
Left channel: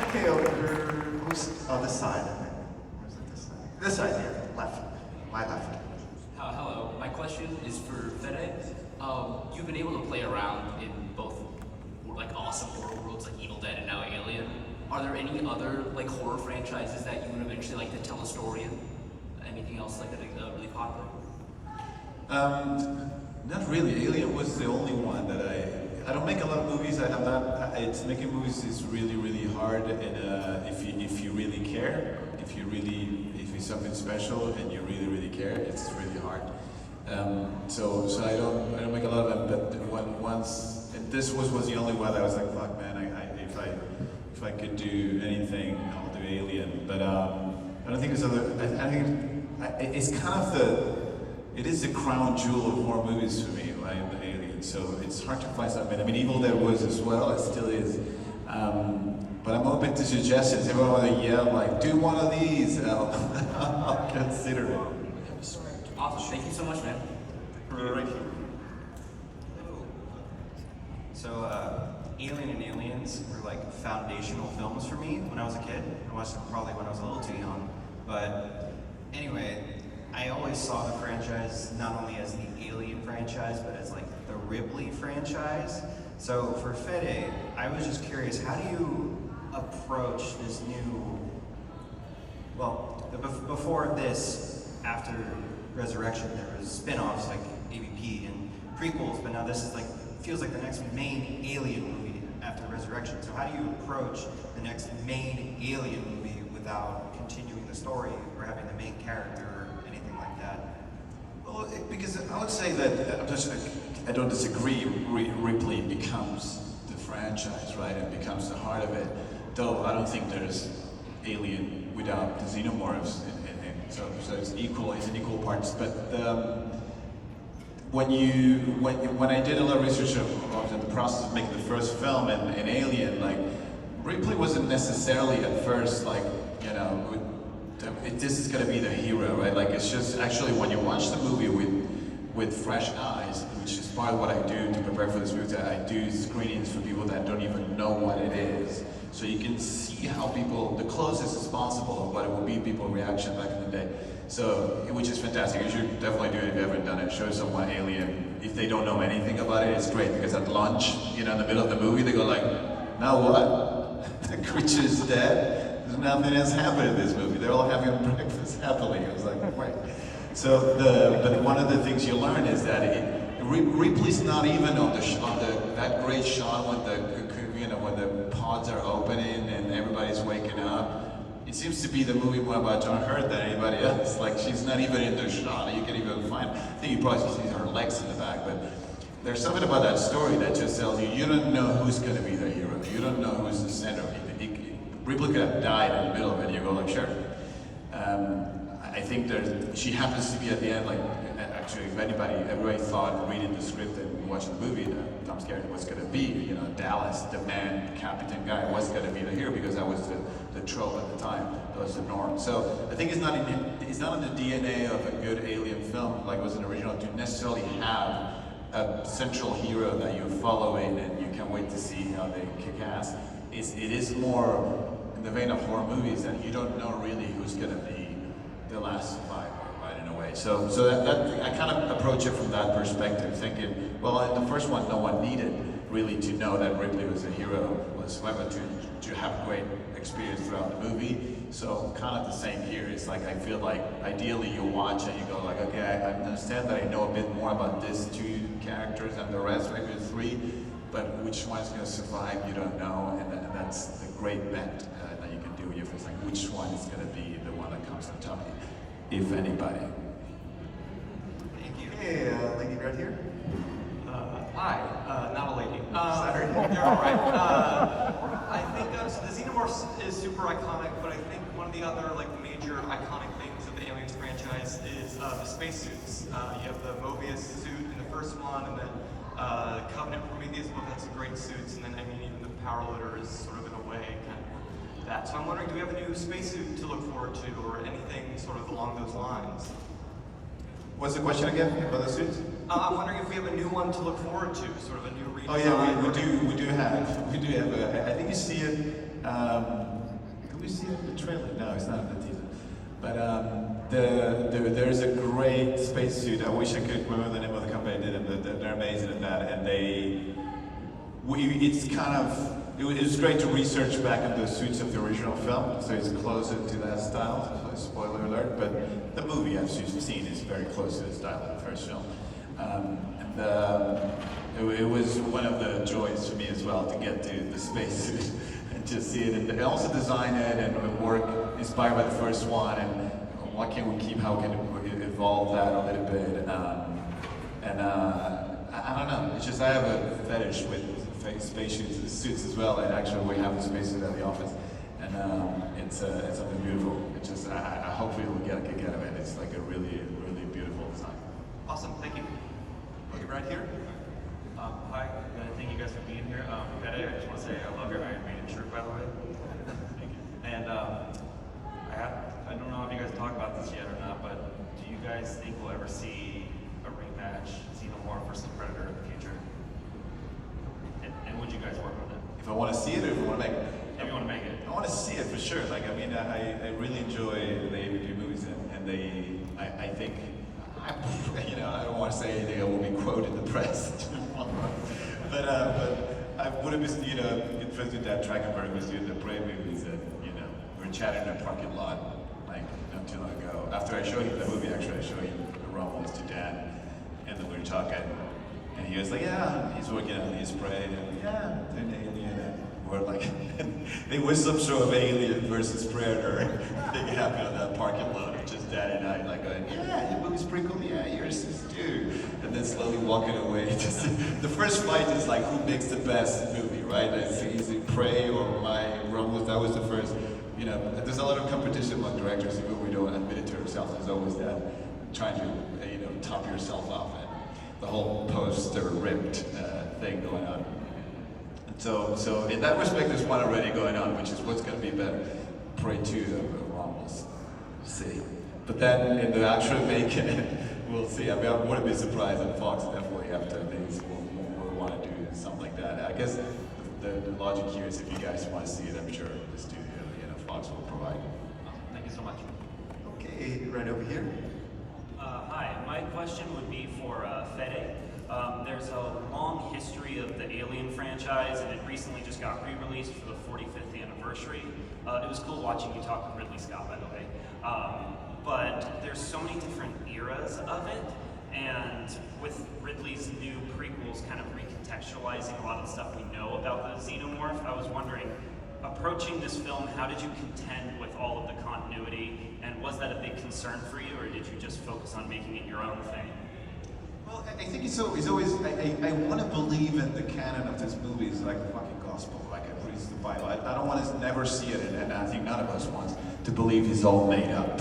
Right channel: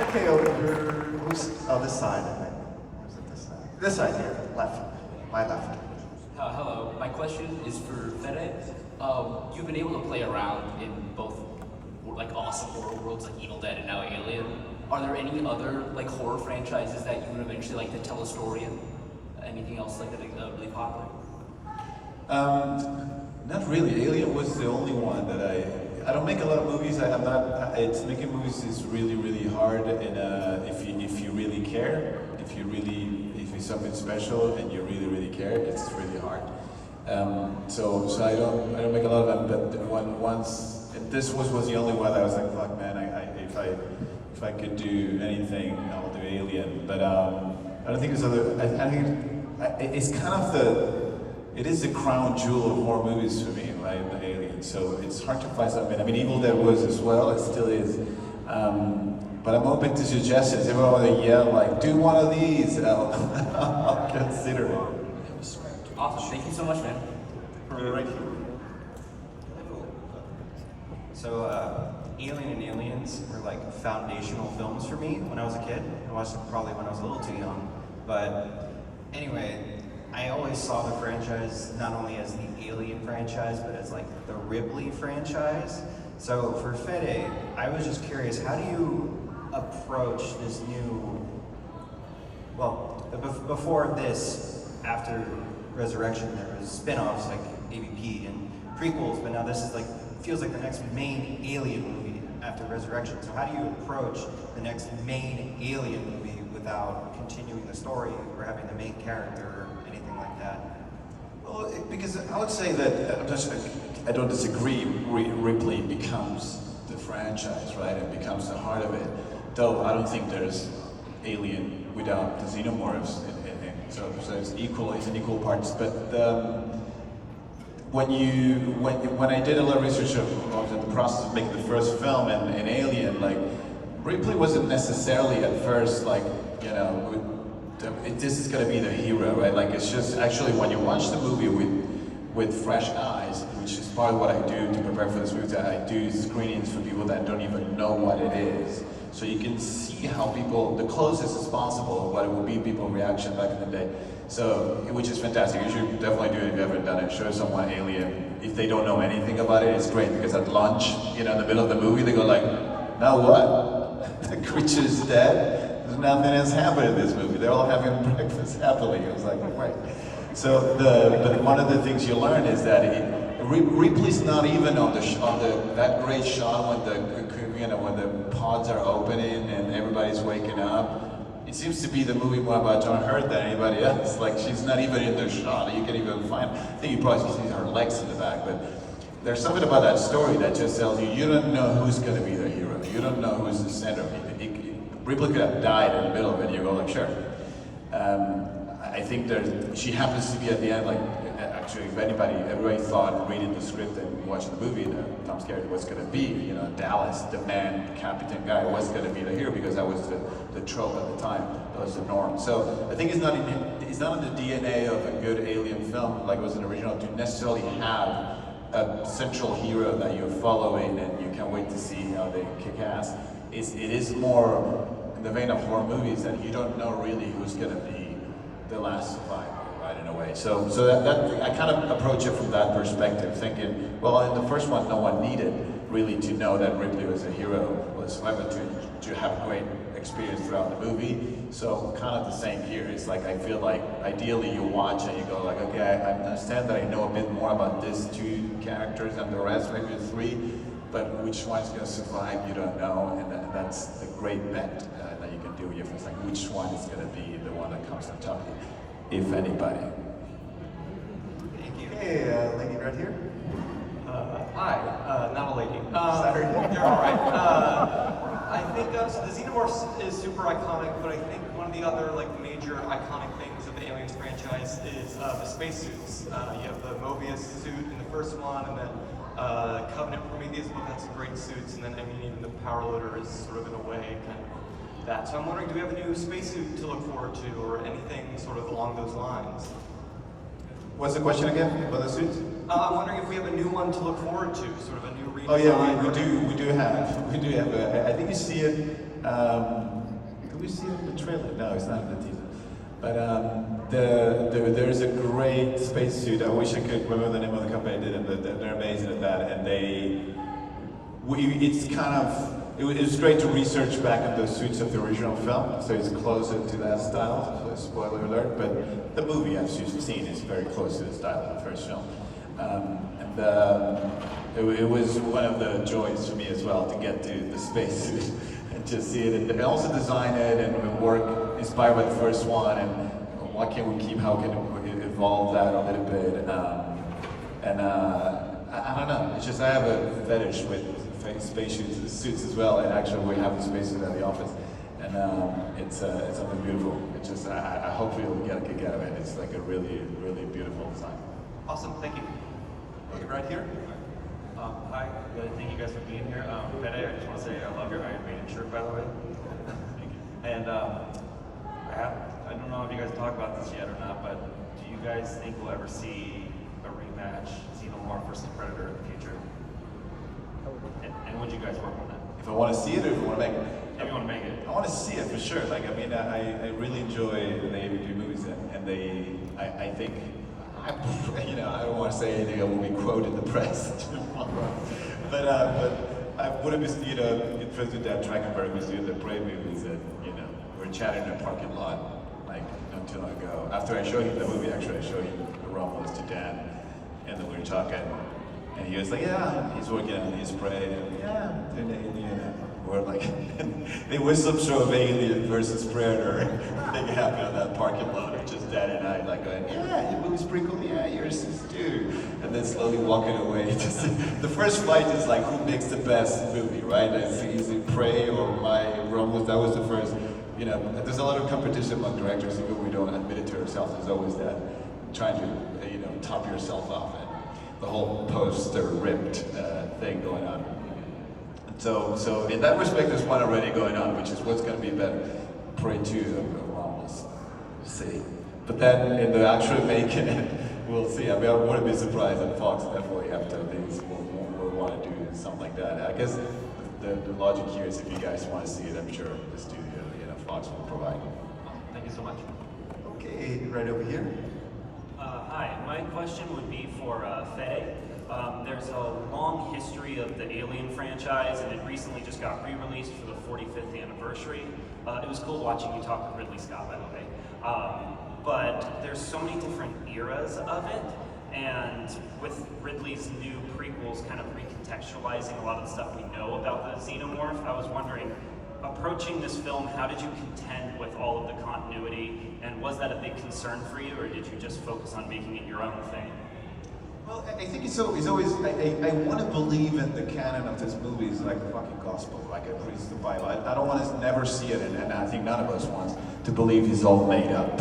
Okay, over, this side, I think. Or is it this side? This side here, left, my left. Hello, my question is for Fede. You've been able to play around in both like awesome horror worlds like Evil Dead and now Alien. Are there any other like horror franchises that you would eventually like to tell a story in? Anything else like that really popular? Not really. Alien was the only one that I don't make a lot of movies. I'm not. It's making movies is really hard, and if you really care, if it's something special and you really care, it's really hard. So I don't make a lot of them. But once, and this was the only one that I was like, fuck man, if I could do anything, I'll do Alien. But I don't think there's other. I think it's kind of it is the crown jewel of horror movies for me, right? The Alien. So it's hard to find something. I mean, Evil Dead was as well. It still is. But I'm open to suggestions. If everyone want to yell like, do one of these, I'll consider it. Awesome, thank you so much, man. Right here. So, Alien and Aliens were like foundational films for me when I was a kid. I watched them probably when I was a little too young. But anyway, I always saw the franchise not only as the Alien franchise, but as like the Ripley franchise. So for Fede, I was just curious, how do you approach this new, well, before this, after Resurrection, there was spin-offs like AVP and prequels, but now this is like, feels like the next main Alien movie after Resurrection. So how do you approach the next main Alien movie without continuing the story or having the main character or anything like that? Well, because I would say that I don't disagree. Ripley becomes the franchise, right? It becomes the heart of it. Though I don't think there's Alien without the Xenomorphs, so it's equal. It's in equal parts. But when I did a lot of research, I was in the process of making the first film and Alien, like Ripley wasn't necessarily at first like, you know, this is gonna be the hero, right? Like it's just actually when you watch the movie with fresh eyes, which is part of what I do to prepare for this movie. I do screenings for people that don't even know what it is, so you can see how people, the closest as possible of what it will be people's reaction back in the day. So, which is fantastic. You should definitely do it if you haven't done it. Show someone Alien. If they don't know anything about it, it's great because at lunch, you know, in the middle of the movie, they go like, now what? The creature's dead. There's nothing has happened in this movie. They're all having breakfast happily. It was like, wait. So but one of the things you learn is that Ripley's not even on that great shot when the pods are opening and everybody's waking up. It seems to be the movie more about John Hurt than anybody else. Like she's not even in the shot. You can even find. I think you probably see her legs in the back, but there's something about that story that just tells you don't know who's going to be the hero. You don't know who's the center. Ripley could have died in the middle of it. You go like, sure. I think she happens to be at the end, like, actually, if everybody thought reading the script and watching the movie that Tom Skerritt was going to be, you know, Dallas, the man, Captain guy, was going to be the hero because that was the trope at the time. That was the norm. So I think it's not in the DNA of a good Alien film, like it was in the original, to necessarily have a central hero that you're following and you can't wait to see how they kick ass. It is more in the vein of horror movies that you don't know really who's going to be the last survivor, right? in a way. So that I kind of approach it from that perspective, thinking, well, in the first one, no one needed really to know that Ripley was a hero whatsoever to have a great experience throughout the movie. So kind of the same here. It's like I feel like ideally you watch and you go like, okay, I understand that I know a bit more about these two characters and the rest, maybe the three, but which one's going to survive, you don't know, and that's the great bet that you can do with your friends, like which one is going to be the one that comes on top, if anybody. Thank you. Hey, lady right here. Hi, not a lady. Sorry. You're all right. I think so the Xenomorph is super iconic, but I think one of the other like major iconic things of the Aliens franchise is the spacesuits. You have the Mobius suit in the first one, and then Covenant Prometheus both had some great suits, and then I mean even the power loader is sort of in a way kind of that. So I'm wondering, do we have a new spacesuit to look forward to, or anything sort of along those lines? What's the question again about the suits? I'm wondering if we have a new one to look forward to, sort of a new redesign. Oh yeah, we do have. I think you see it. Do we see it in the trailer? No, it's not in the teaser. But there's a great spacesuit. I wish I could remember the name of the company I did it, but they're amazing at that. And it was great to research back on the suits of the original film, so it's closer to that style. So spoiler alert, but the movie, as you've seen, is very close to the style of the first film. It was one of the joys for me as well to get to the spacesuit and to see it, and also design it and work inspired by the first one, and what can we keep, how can we evolve that a little bit, I don't know, it's just I have a fetish with spacesuits as well, and actually we have a spacesuit at the office, and it's something beautiful. It's just, I hope we'll get a kick out of it. It's like a really, really beautiful design. Awesome, thank you. Hey, right here. Hi, thank you guys for being here. Fede, I just want to say I love your Iron Maiden shirt, by the way. And I don't know if you guys talk about this yet or not, but do you guys think we'll ever see a rematch, Xenomorph versus Predator in the future? And would you guys work on that? If I want to see it, or if I want to make it? If you want to make it. I want to see it for sure. Like, I mean, I really enjoy the AVP movies, and I think, I don't want to say anything that will be quoted in the press, but I would have been, interested that Trachtenberg was doing the Brave movies that, we were chatting in a parking lot, like, not too long ago. After I showed him the movie, actually, I showed him Romulus to Dan, and then we were talking, and he was like, yeah, he's working on his Prey, and yeah, an Alien, and we're like, they was some sort of Alien versus Predator thing happened on that parking lot, just Dan and I, like going, yeah, your movie's pretty cool, yeah, yours is too, and then slowly walking away. Just, the first fight is like, who makes the best movie, right? Is it Prey or my Romulus? That was the first, there's a lot of competition among directors, even we don't admit it to ourselves. There's always that trying to, top yourself off, and the whole poster ripped thing going on. So in that respect, there's one already going on, which is what's going to be better, Prey 2 or Romulus. We'll see. But then in the actual making, we'll see. I mean, I wouldn't be surprised if Fox definitely have to things will want to do something like that. I guess the logic here is if you guys want to see it, I'm sure the studio, Fox will provide. Thank you so much. Okay, right over here. Hi, my question would be for Fede. There's a long history of the Alien franchise, and it recently just got re-released for the 45th anniversary. It was cool watching you talk with Ridley Scott, by the way. But there's so many different eras of it, and with Ridley's new prequels kind of recontextualizing a lot of the stuff we know about the Xenomorph, I was wondering, approaching this film, how did you contend with all of the continuity, and was that a big concern for you, or did you just focus on making it your own thing? Well, I think it's always, I want to believe in the canon of this movie is like the fucking gospel, like it reads the Bible. I don't want to never see it, and I think none of us wants to believe it's all made up,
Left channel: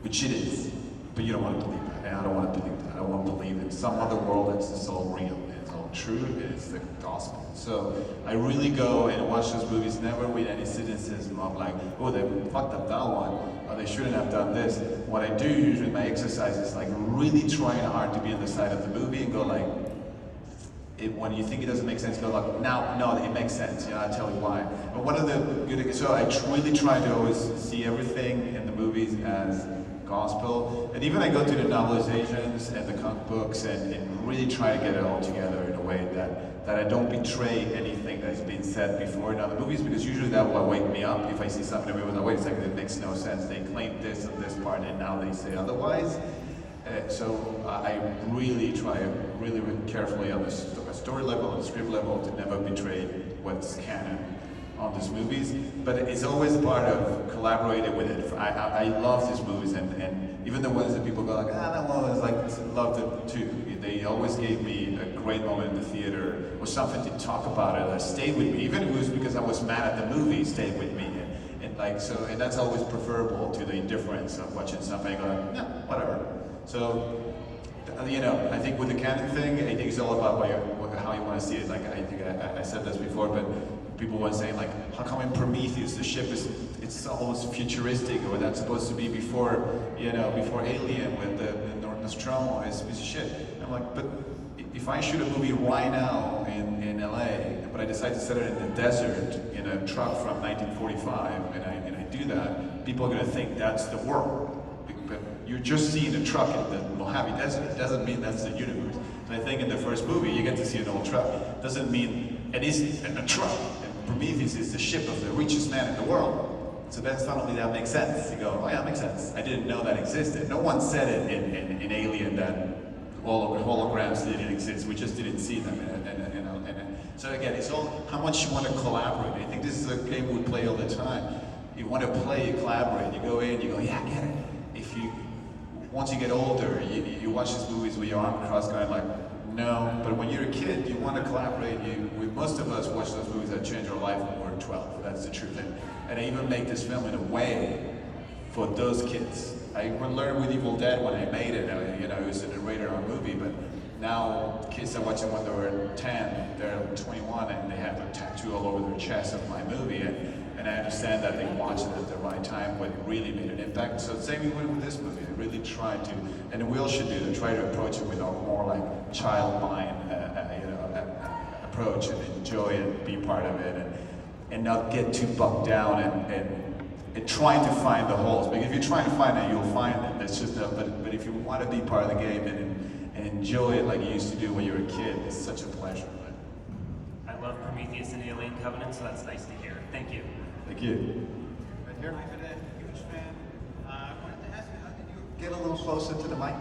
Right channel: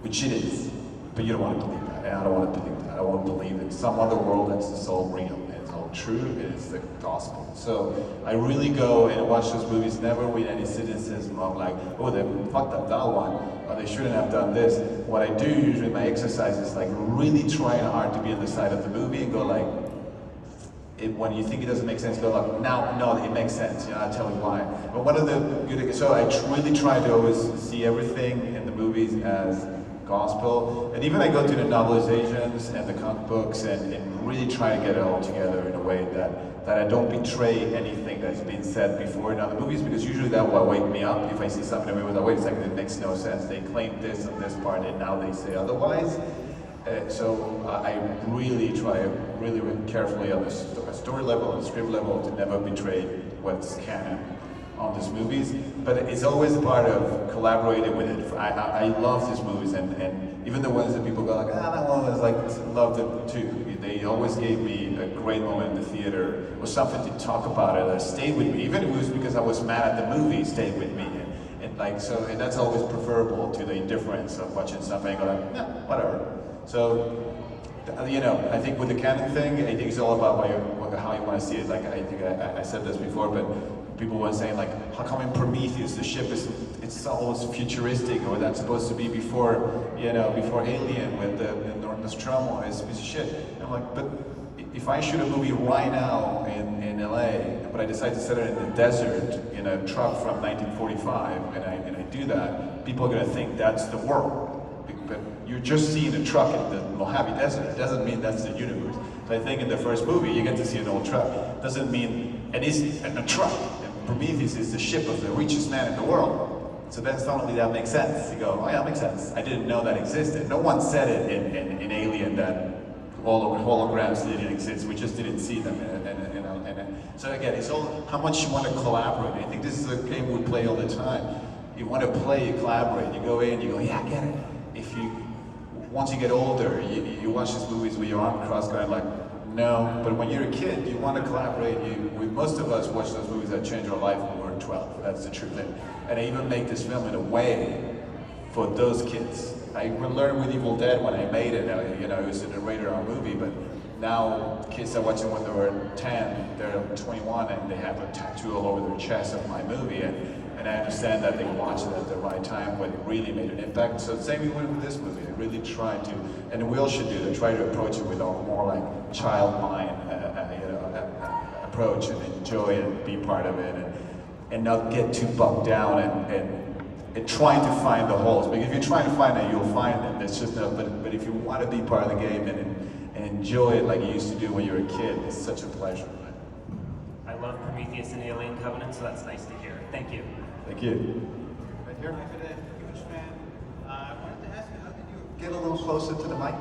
which it is, but you don't want to believe that, and I don't want to believe that. I want to believe in some other world that's all real, and it's all true, and it's the gospel. So I really go and watch those movies never with any cynicism of like, oh, they fucked up that one, or they shouldn't have done this. What I do usually in my exercise is like really trying hard to be on the side of the movie and go like, when you think it doesn't make sense, go like, now, no, it makes sense, I'll tell you why. But one of the good, so I really try to always see everything in the movies as gospel. And even I go to the novelizations and the comic books and really try to get it all together in a way that I don't betray anything that's been said before in other movies, because usually that will wake me up if I see something in a movie. Wait a second, it makes no sense. They claimed this on this part and now they say otherwise. So I really try really carefully on the story level and script level to never betray what's canon on these movies, but it's always part of collaborating with it. I love these movies, and even the ones that people go like, that one was like, loved it too. They always gave me a great moment in the theater, or something to talk about it, or stayed with me. Even if it was because I was mad at the movie, stayed with me. And that's always preferable to the indifference of watching something and go like, no, whatever. So, I think with the canon thing, I think it's all about how you want to see it. Like, I think I said this before, but people were saying like, how come in Prometheus the ship it's always futuristic, or that's supposed to be before Alien with the Nostromo is a piece of shit. And I'm like, but if I shoot a movie right now in LA, but I decide to set it in the desert in a truck from 1945, and I do that, people are gonna think that's the world. But you're just seeing a truck in the Mojave Desert. It doesn't mean that's the universe. So I think in the first movie, you get to see an old truck. Doesn't mean it is a truck. And Prometheus is the ship of the richest man in the world. So then suddenly that makes sense. You go, oh yeah, that makes sense. I didn't know that existed. No one said it in Alien that all holograms didn't exist. We just didn't see them. So again, it's all how much you want to collaborate. I think this is a game we play all the time. You want to play, you collaborate. You go in, you go, yeah, I get it. Once you get older, you watch these movies with your arm crossed going like, no. But when you're a kid, you want to collaborate. Most of us watch those movies that change our life when we're 12. That's the truth. And I even make this film in a way for those kids. I learned with Evil Dead when I made it. It was a rated R movie, but now kids are watching when they were 10, they're 21, and they have a tattoo all over their chest of my movie. And I understand that they watched it at the right time when it really made an impact. So the same with this movie. I really tried to, and we all should do that, try to approach it with a more like child mind approach, and enjoy it and be part of it, and not get too bogged down and trying to find the holes. Because if you're trying to find it, you'll find them. It's just but if you want to be part of the game and enjoy it like you used to do when you were a kid, it's such a pleasure. I love Prometheus and Alien Covenant, so that's nice to hear. Thank you. Thank you. Right here. Hi, Fede. Huge fan. I wanted to ask you, how did you Get a little closer to the mic.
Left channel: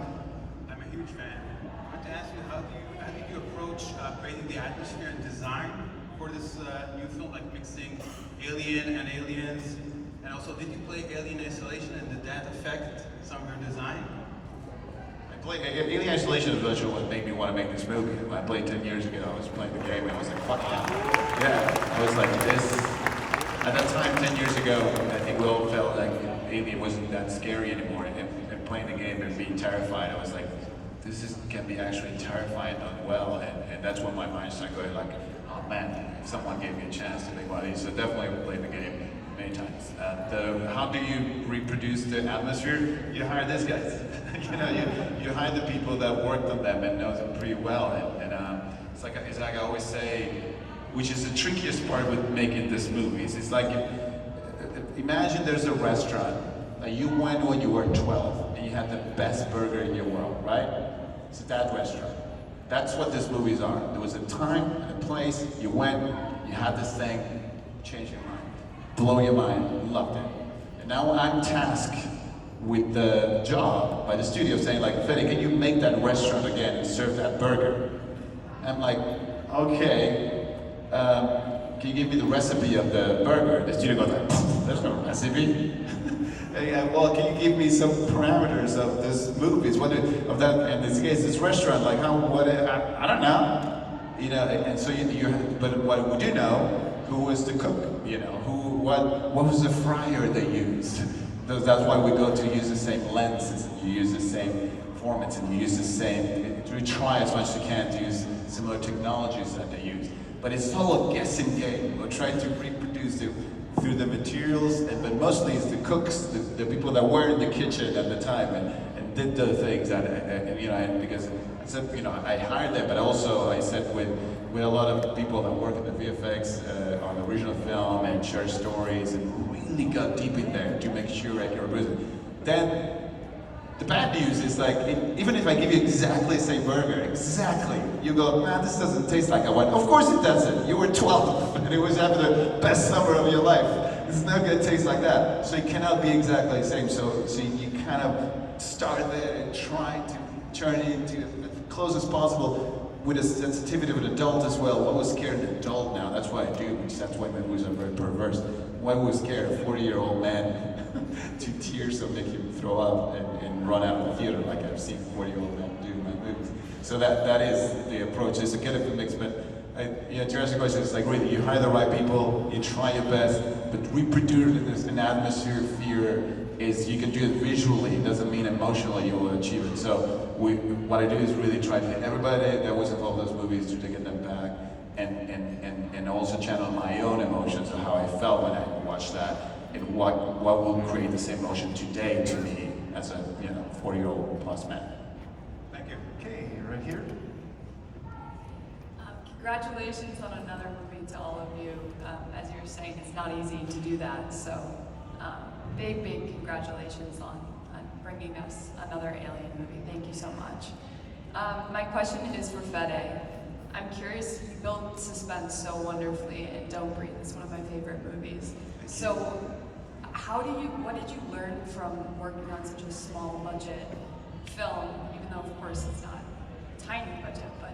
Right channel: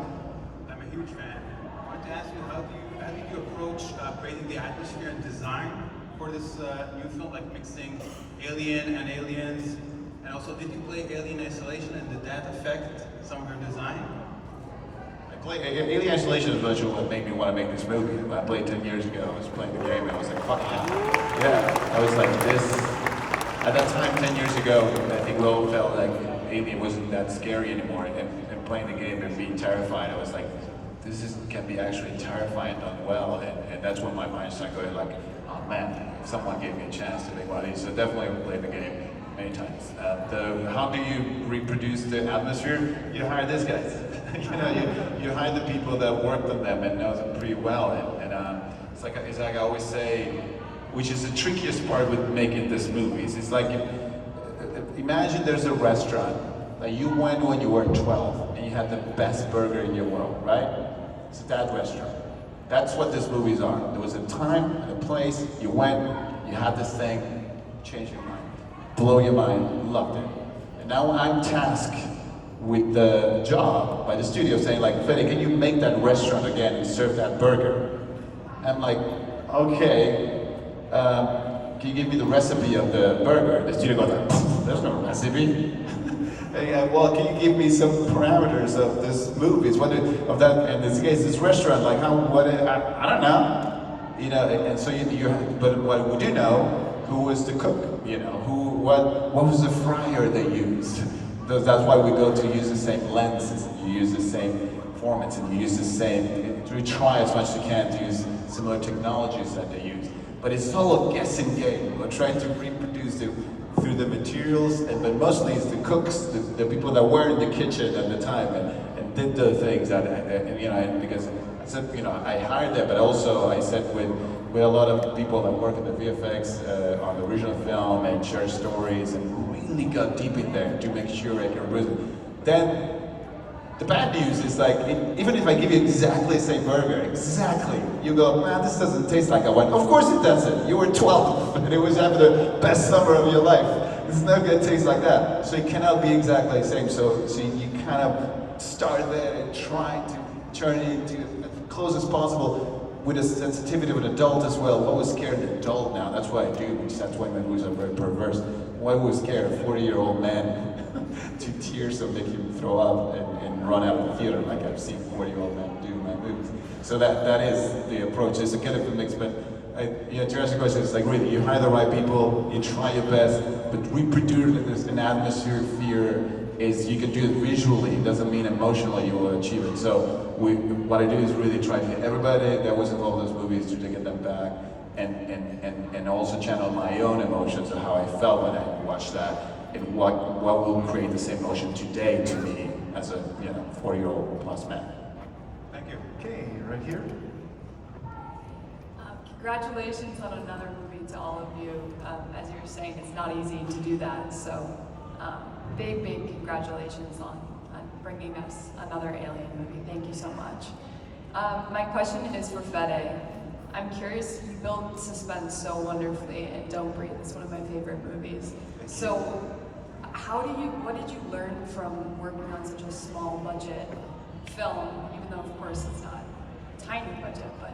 I'm a huge fan. I wanted to ask you, how did you approach creating the atmosphere and design for this new film, like mixing Alien and Aliens? And also, did you play Alien Isolation, and did that affect some of your design? Alien Isolation is what made me want to make this movie. I played 10 years ago. I was playing the game and I was like, fuck yeah. Yeah, I was like, this. At that time, 10 years ago, I think we all felt like Alien wasn't that scary anymore. And playing the game and being terrified, I was like, can be actually terrifying done well. And that's when my mind started going like, oh man, if someone gave me a chance to make one of these. So definitely I played the game many times. How do you reproduce the atmosphere? You hire these guys. you hire the people that worked on them and know them pretty well. And it's like I always say, which is the trickiest part with making these movies. It's like, imagine there's a restaurant that you went when you were 12 and you had the best burger in your world, right? It's that restaurant. That's what these movies are. There was a time and a place, you went, you had this thing, change your mind, blow your mind, loved it. And now I'm tasked with the job by the studio saying like, Fede, can you make that restaurant again and serve that burger? I'm like, okay. Can you give me the recipe of the burger? The studio goes like, there's no recipe. Well, can you give me some parameters of this movie? Of that, in this case, this restaurant, like how, I don't know. And so but what we do know, who was the cook? What was the fryer they used? That's why we go to use the same lenses, and you use the same formats, and you use the same, we try as much as we can to use similar technologies that they use. But it's all a guessing game. We're trying to reproduce it through the materials, but mostly it's the cooks, the people that were in the kitchen at the time and did the things that, because I said, I hired them, but also I said with a lot of people that work in the VFX on the original film and share stories and really got deep in there to make sure I can represent. Then The bad news is like, even if I give you exactly the same burger, exactly, you go, man, this doesn't taste like I want. Of course it doesn't. You were 12 and it was having the best summer of your life. It's not gonna taste like that. So it cannot be exactly the same. So you kind of start there and try to turn it into as close as possible with a sensitivity of an adult as well. What would scare an adult now? That's what I do, which that's why my movies are very perverse. Why would scare a 40-year-old man to tears that make him throw up and run out of the theater like I've seen 40-year-old men do in my movies? So that is the approach. It's a kind of a mix, but to answer the question, it's like really, you hire the right people, you try your best, but reproduce an atmosphere of fear is you can do it visually, it doesn't mean emotionally you will achieve it. So what I do is really try to get everybody that was involved in those movies to get them back and also channel my own emotions of how I felt when I watched that and what will create the same emotion today to me as a 40-year-old plus man. Thank you. Okay, right here. Congratulations on another movie to all of you. As you were saying, it's not easy to do that. So big congratulations on bringing us another Alien movie. Thank you so much. My question is for Fede. I'm curious, you build suspense so wonderfully in Don't Breathe. It's one of my favorite movies. So what did you learn from working on such a small budget film, even though of course it's not a tiny budget, but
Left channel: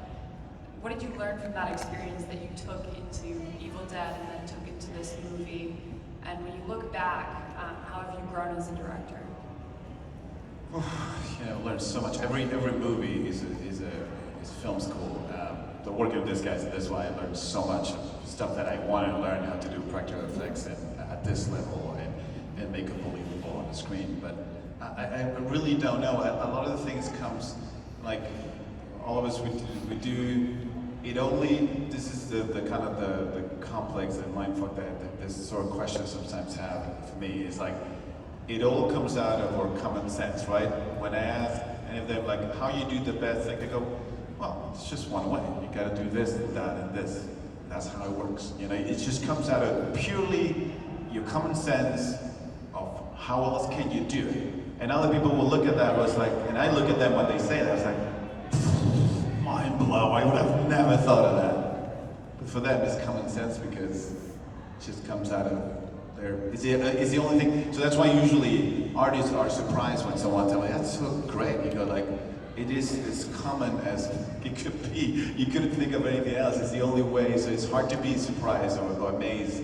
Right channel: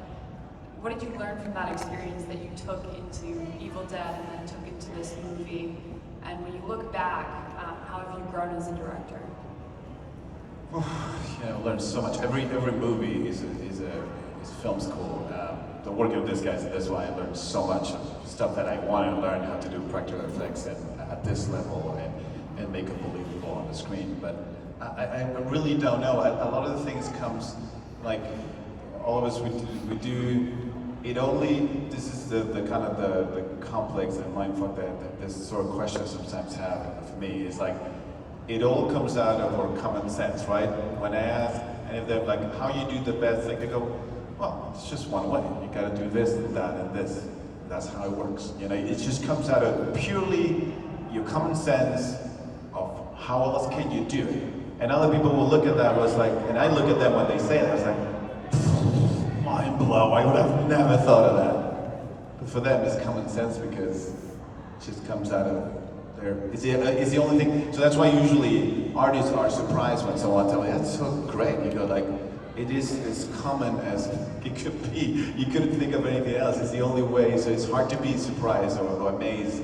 what did you learn from that experience that you took into Evil Dead and then took into this movie? And when you look back, how have you grown as a director? I learned so much. Every movie is film school. The working with these guys, and that's why I learned so much of stuff that I wanted to learn how to do practical effects at this level and make it believable on the screen. But I really don't know. A lot of the things comes, like all of us, we do it only. This is the kind of the complex and mindfuck that this sort of question sometimes have for me. Is like it all comes out of our common sense, right? When I ask any of them like how you do the best thing, they go, well, it's just one way. You got to do this and that and this. That's how it works. It just comes out of purely your common sense of how else can you do it. And other people will look at that was like, and I look at them when they say that, it's like, mind blow. I would have never thought of that. But for them, it's common sense because it just comes out of their. It's the only thing. So that's why usually artists are surprised when someone tells me that's so great. You go like. It is as common as it could be. You couldn't think of anything else. It's the only way, so it's hard to be surprised or amazed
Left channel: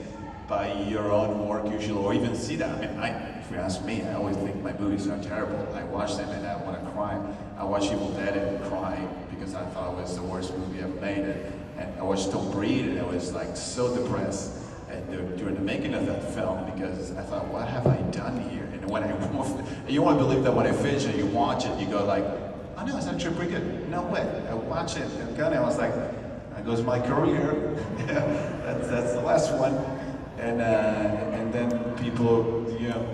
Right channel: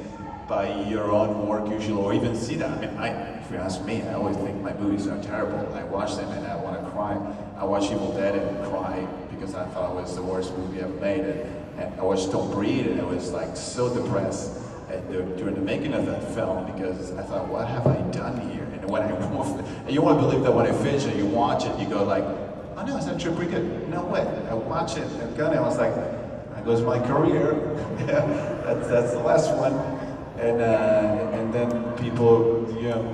by your own work usually, or even see that. I mean, if you ask me, I always think my movies are terrible. I watch them and I want to cry. I watch Evil Dead and cry because I thought it was the worst movie ever made. And I watched Don't Breathe and I was like so depressed during the making of that film because I thought, what have I done here? And when you want to believe that when I finish it, you watch it, you go like, oh no, it's actually pretty good. No way. I watch it and I was like, there goes my career. that's the last one. And then people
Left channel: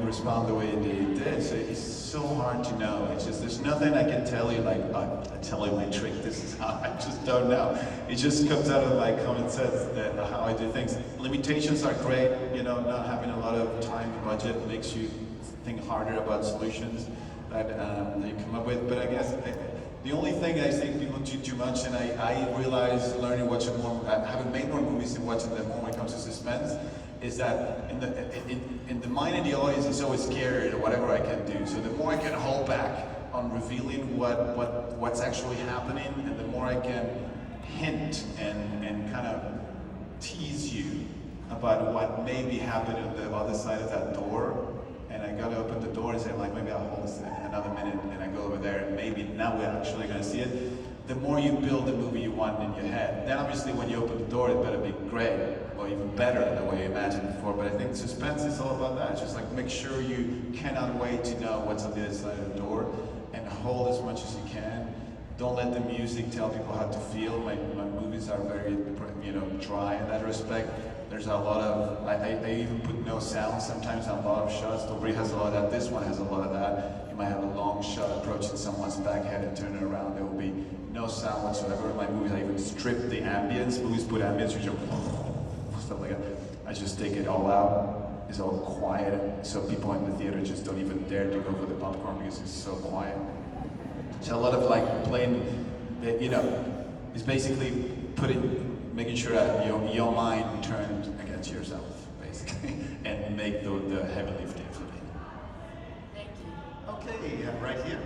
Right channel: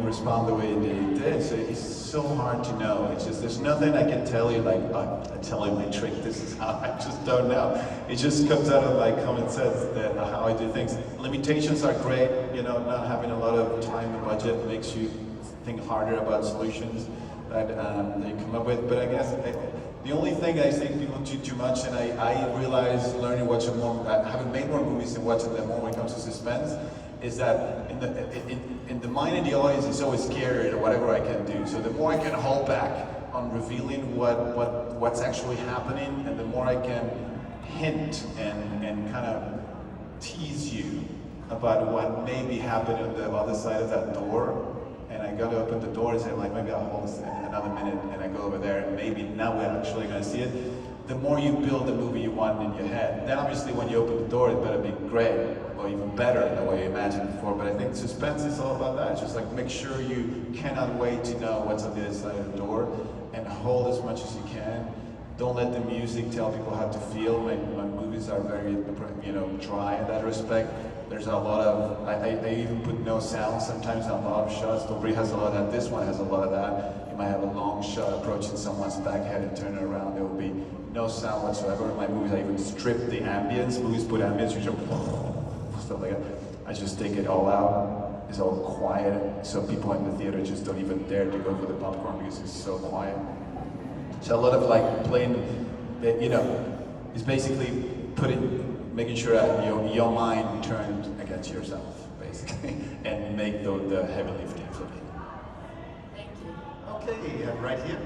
respond the way they did. So it's so hard to know. It's just there's nothing I can tell you like I tell you my trick. This is how I just don't know. It just comes out of my common sense that how I do things. Limitations are great. Not having a lot of time and budget makes you think harder about solutions that you come up with. But I guess the only thing I think people do too much, and I realize learning watching more, having made more movies and watching them more when it comes to suspense, is that in the mind of the audience is always scared of whatever I can do. So the more I can hold back on revealing what's actually happening, and the more I can hint and kind of tease you about what may be happening on the other side of that door. And I go to open the door and say, like, maybe I'll hold this another minute, and I go over there, and maybe now we're actually going to see it. The more you build the movie you want in your head, then obviously when you open the door, it better be great, or even better than the way you imagined before. But I think suspense is all about that. It's just like make sure you cannot wait to know what's on the other side of the door, and hold as much as you can. Don't let the music tell people how to feel. My movies are very, dry in that respect. There's a lot of, I even put no sound sometimes on a lot of shots. Don't Breathe has a lot of that. This one has a lot of that. You might have a long shot approaching someone's back head and turn it around. There will be no sound whatsoever. In my movies, I even strip the ambience. Movies put ambience, which are stuff like that. I just take it all out. is all quiet, so people in the theater just don't even dare to go for the popcorn because it's so quiet. So a lot of like playing, you know, it's basically making sure that your mind turned against yourself, basically, and make the heavy lifting for me. Okay, right here.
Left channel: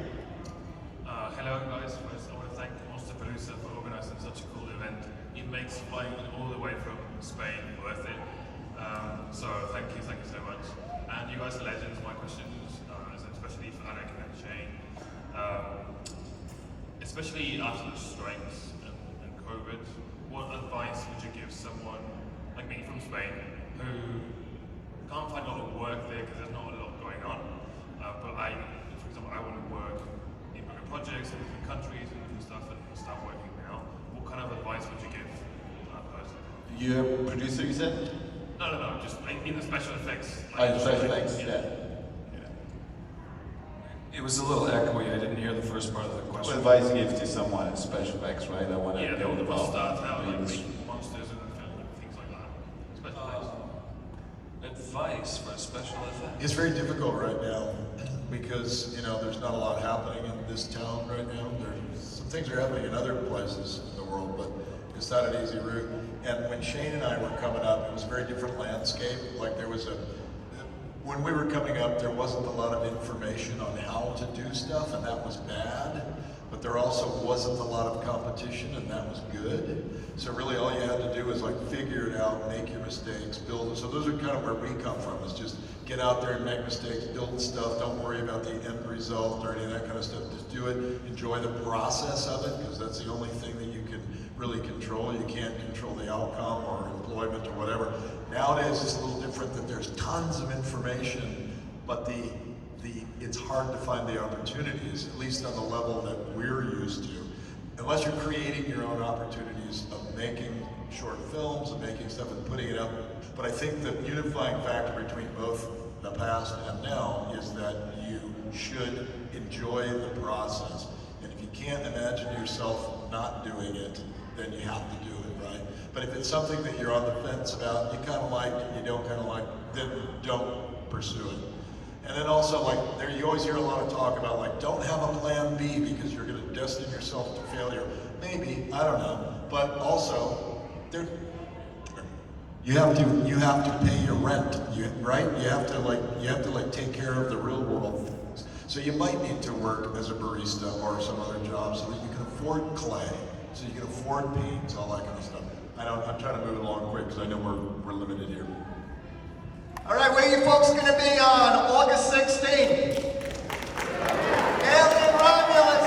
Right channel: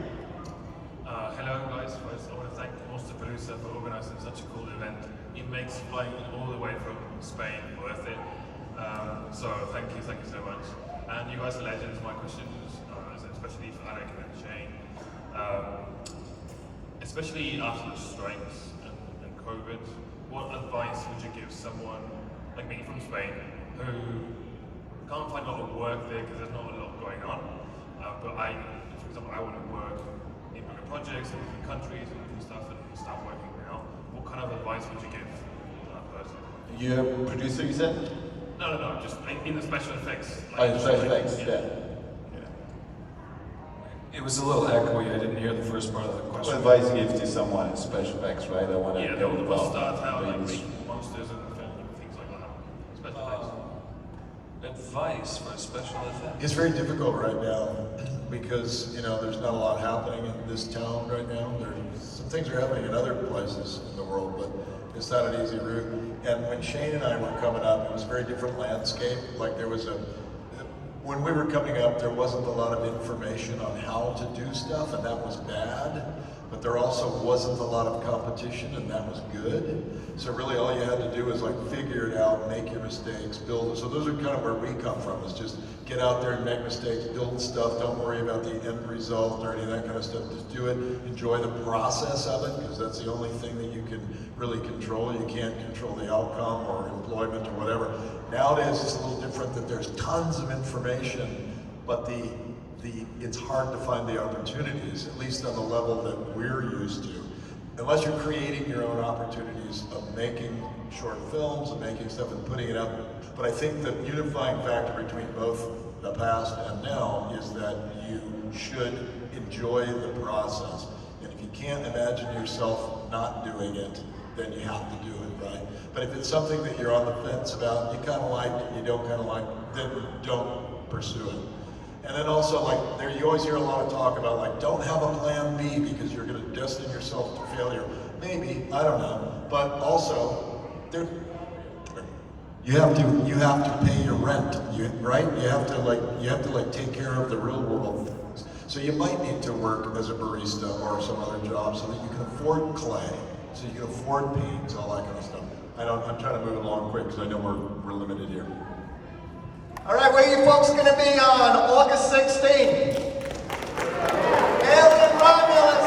Hello guys, first I want to thank Monsterpalooza for organising such a cool event. It makes flying all the way from Spain worth it. So thank you so much. And you guys are legends. My question is, especially for Alec and Shane, especially after the strikes and COVID, what advice would you give someone like me from Spain who can't find a lot of work there because there's not a lot going on, but for example, I want to work in bigger projects in different countries and different stuff and start working now. What kind of advice would you give that person? You have a producer, you said? No, just in the special effects. Like special effects, yeah. It was a little echoey. I didn't hear the first part of the What question. advice you give to someone in special effects, right? I want to Yeah, get they will involved. start out like making monsters and things like that. Special effects. Advice for special effects. It's very difficult right now because, you know, there's not a lot happening in this town right now. Some things are happening in other places in the world, but it's not an easy route. And when Shane and I were coming up, it was a very different landscape. Like when we were coming up, there wasn't a lot of information on how to do stuff, and that was bad. But there also wasn't a lot of competition, and that was good. So really all you had to do is like figure it out, make your mistakes, build it. So those are kind of where we come from, is just get out there and make mistakes, build stuff, don't worry about the end result or any of that kind of stuff. Just do it, enjoy the process of it, because that's the only thing that you can really control. You can't control the outcome or employment or whatever. Nowadays it's a little different, that there's tons of information, but it's hard to find the opportunities, at least on the level that we're used to. Unless you're creating your own opportunities of making short films and making stuff and putting it out. But I think the unifying factor between both the past and now is that you should enjoy the process. And if you can't imagine yourself not doing it, then you have to do it, right? But if it's something that you're on the fence about, you kind of like, you don't kind of like, then don't pursue it. And then also, like, you always hear a lot of talk about, like, don't have a plan B because you're going to destine yourself to failure. Maybe, I don't know. But also, you have to pay your rent, right? You have to take care of the real world things. So you might need to work as a barista or some other job so that you can afford clay, so you can afford paints, all that kind of stuff. I'm trying to move along quick because I know we're limited here. All right, where you folks going to be on August 16th? Alien Romulus.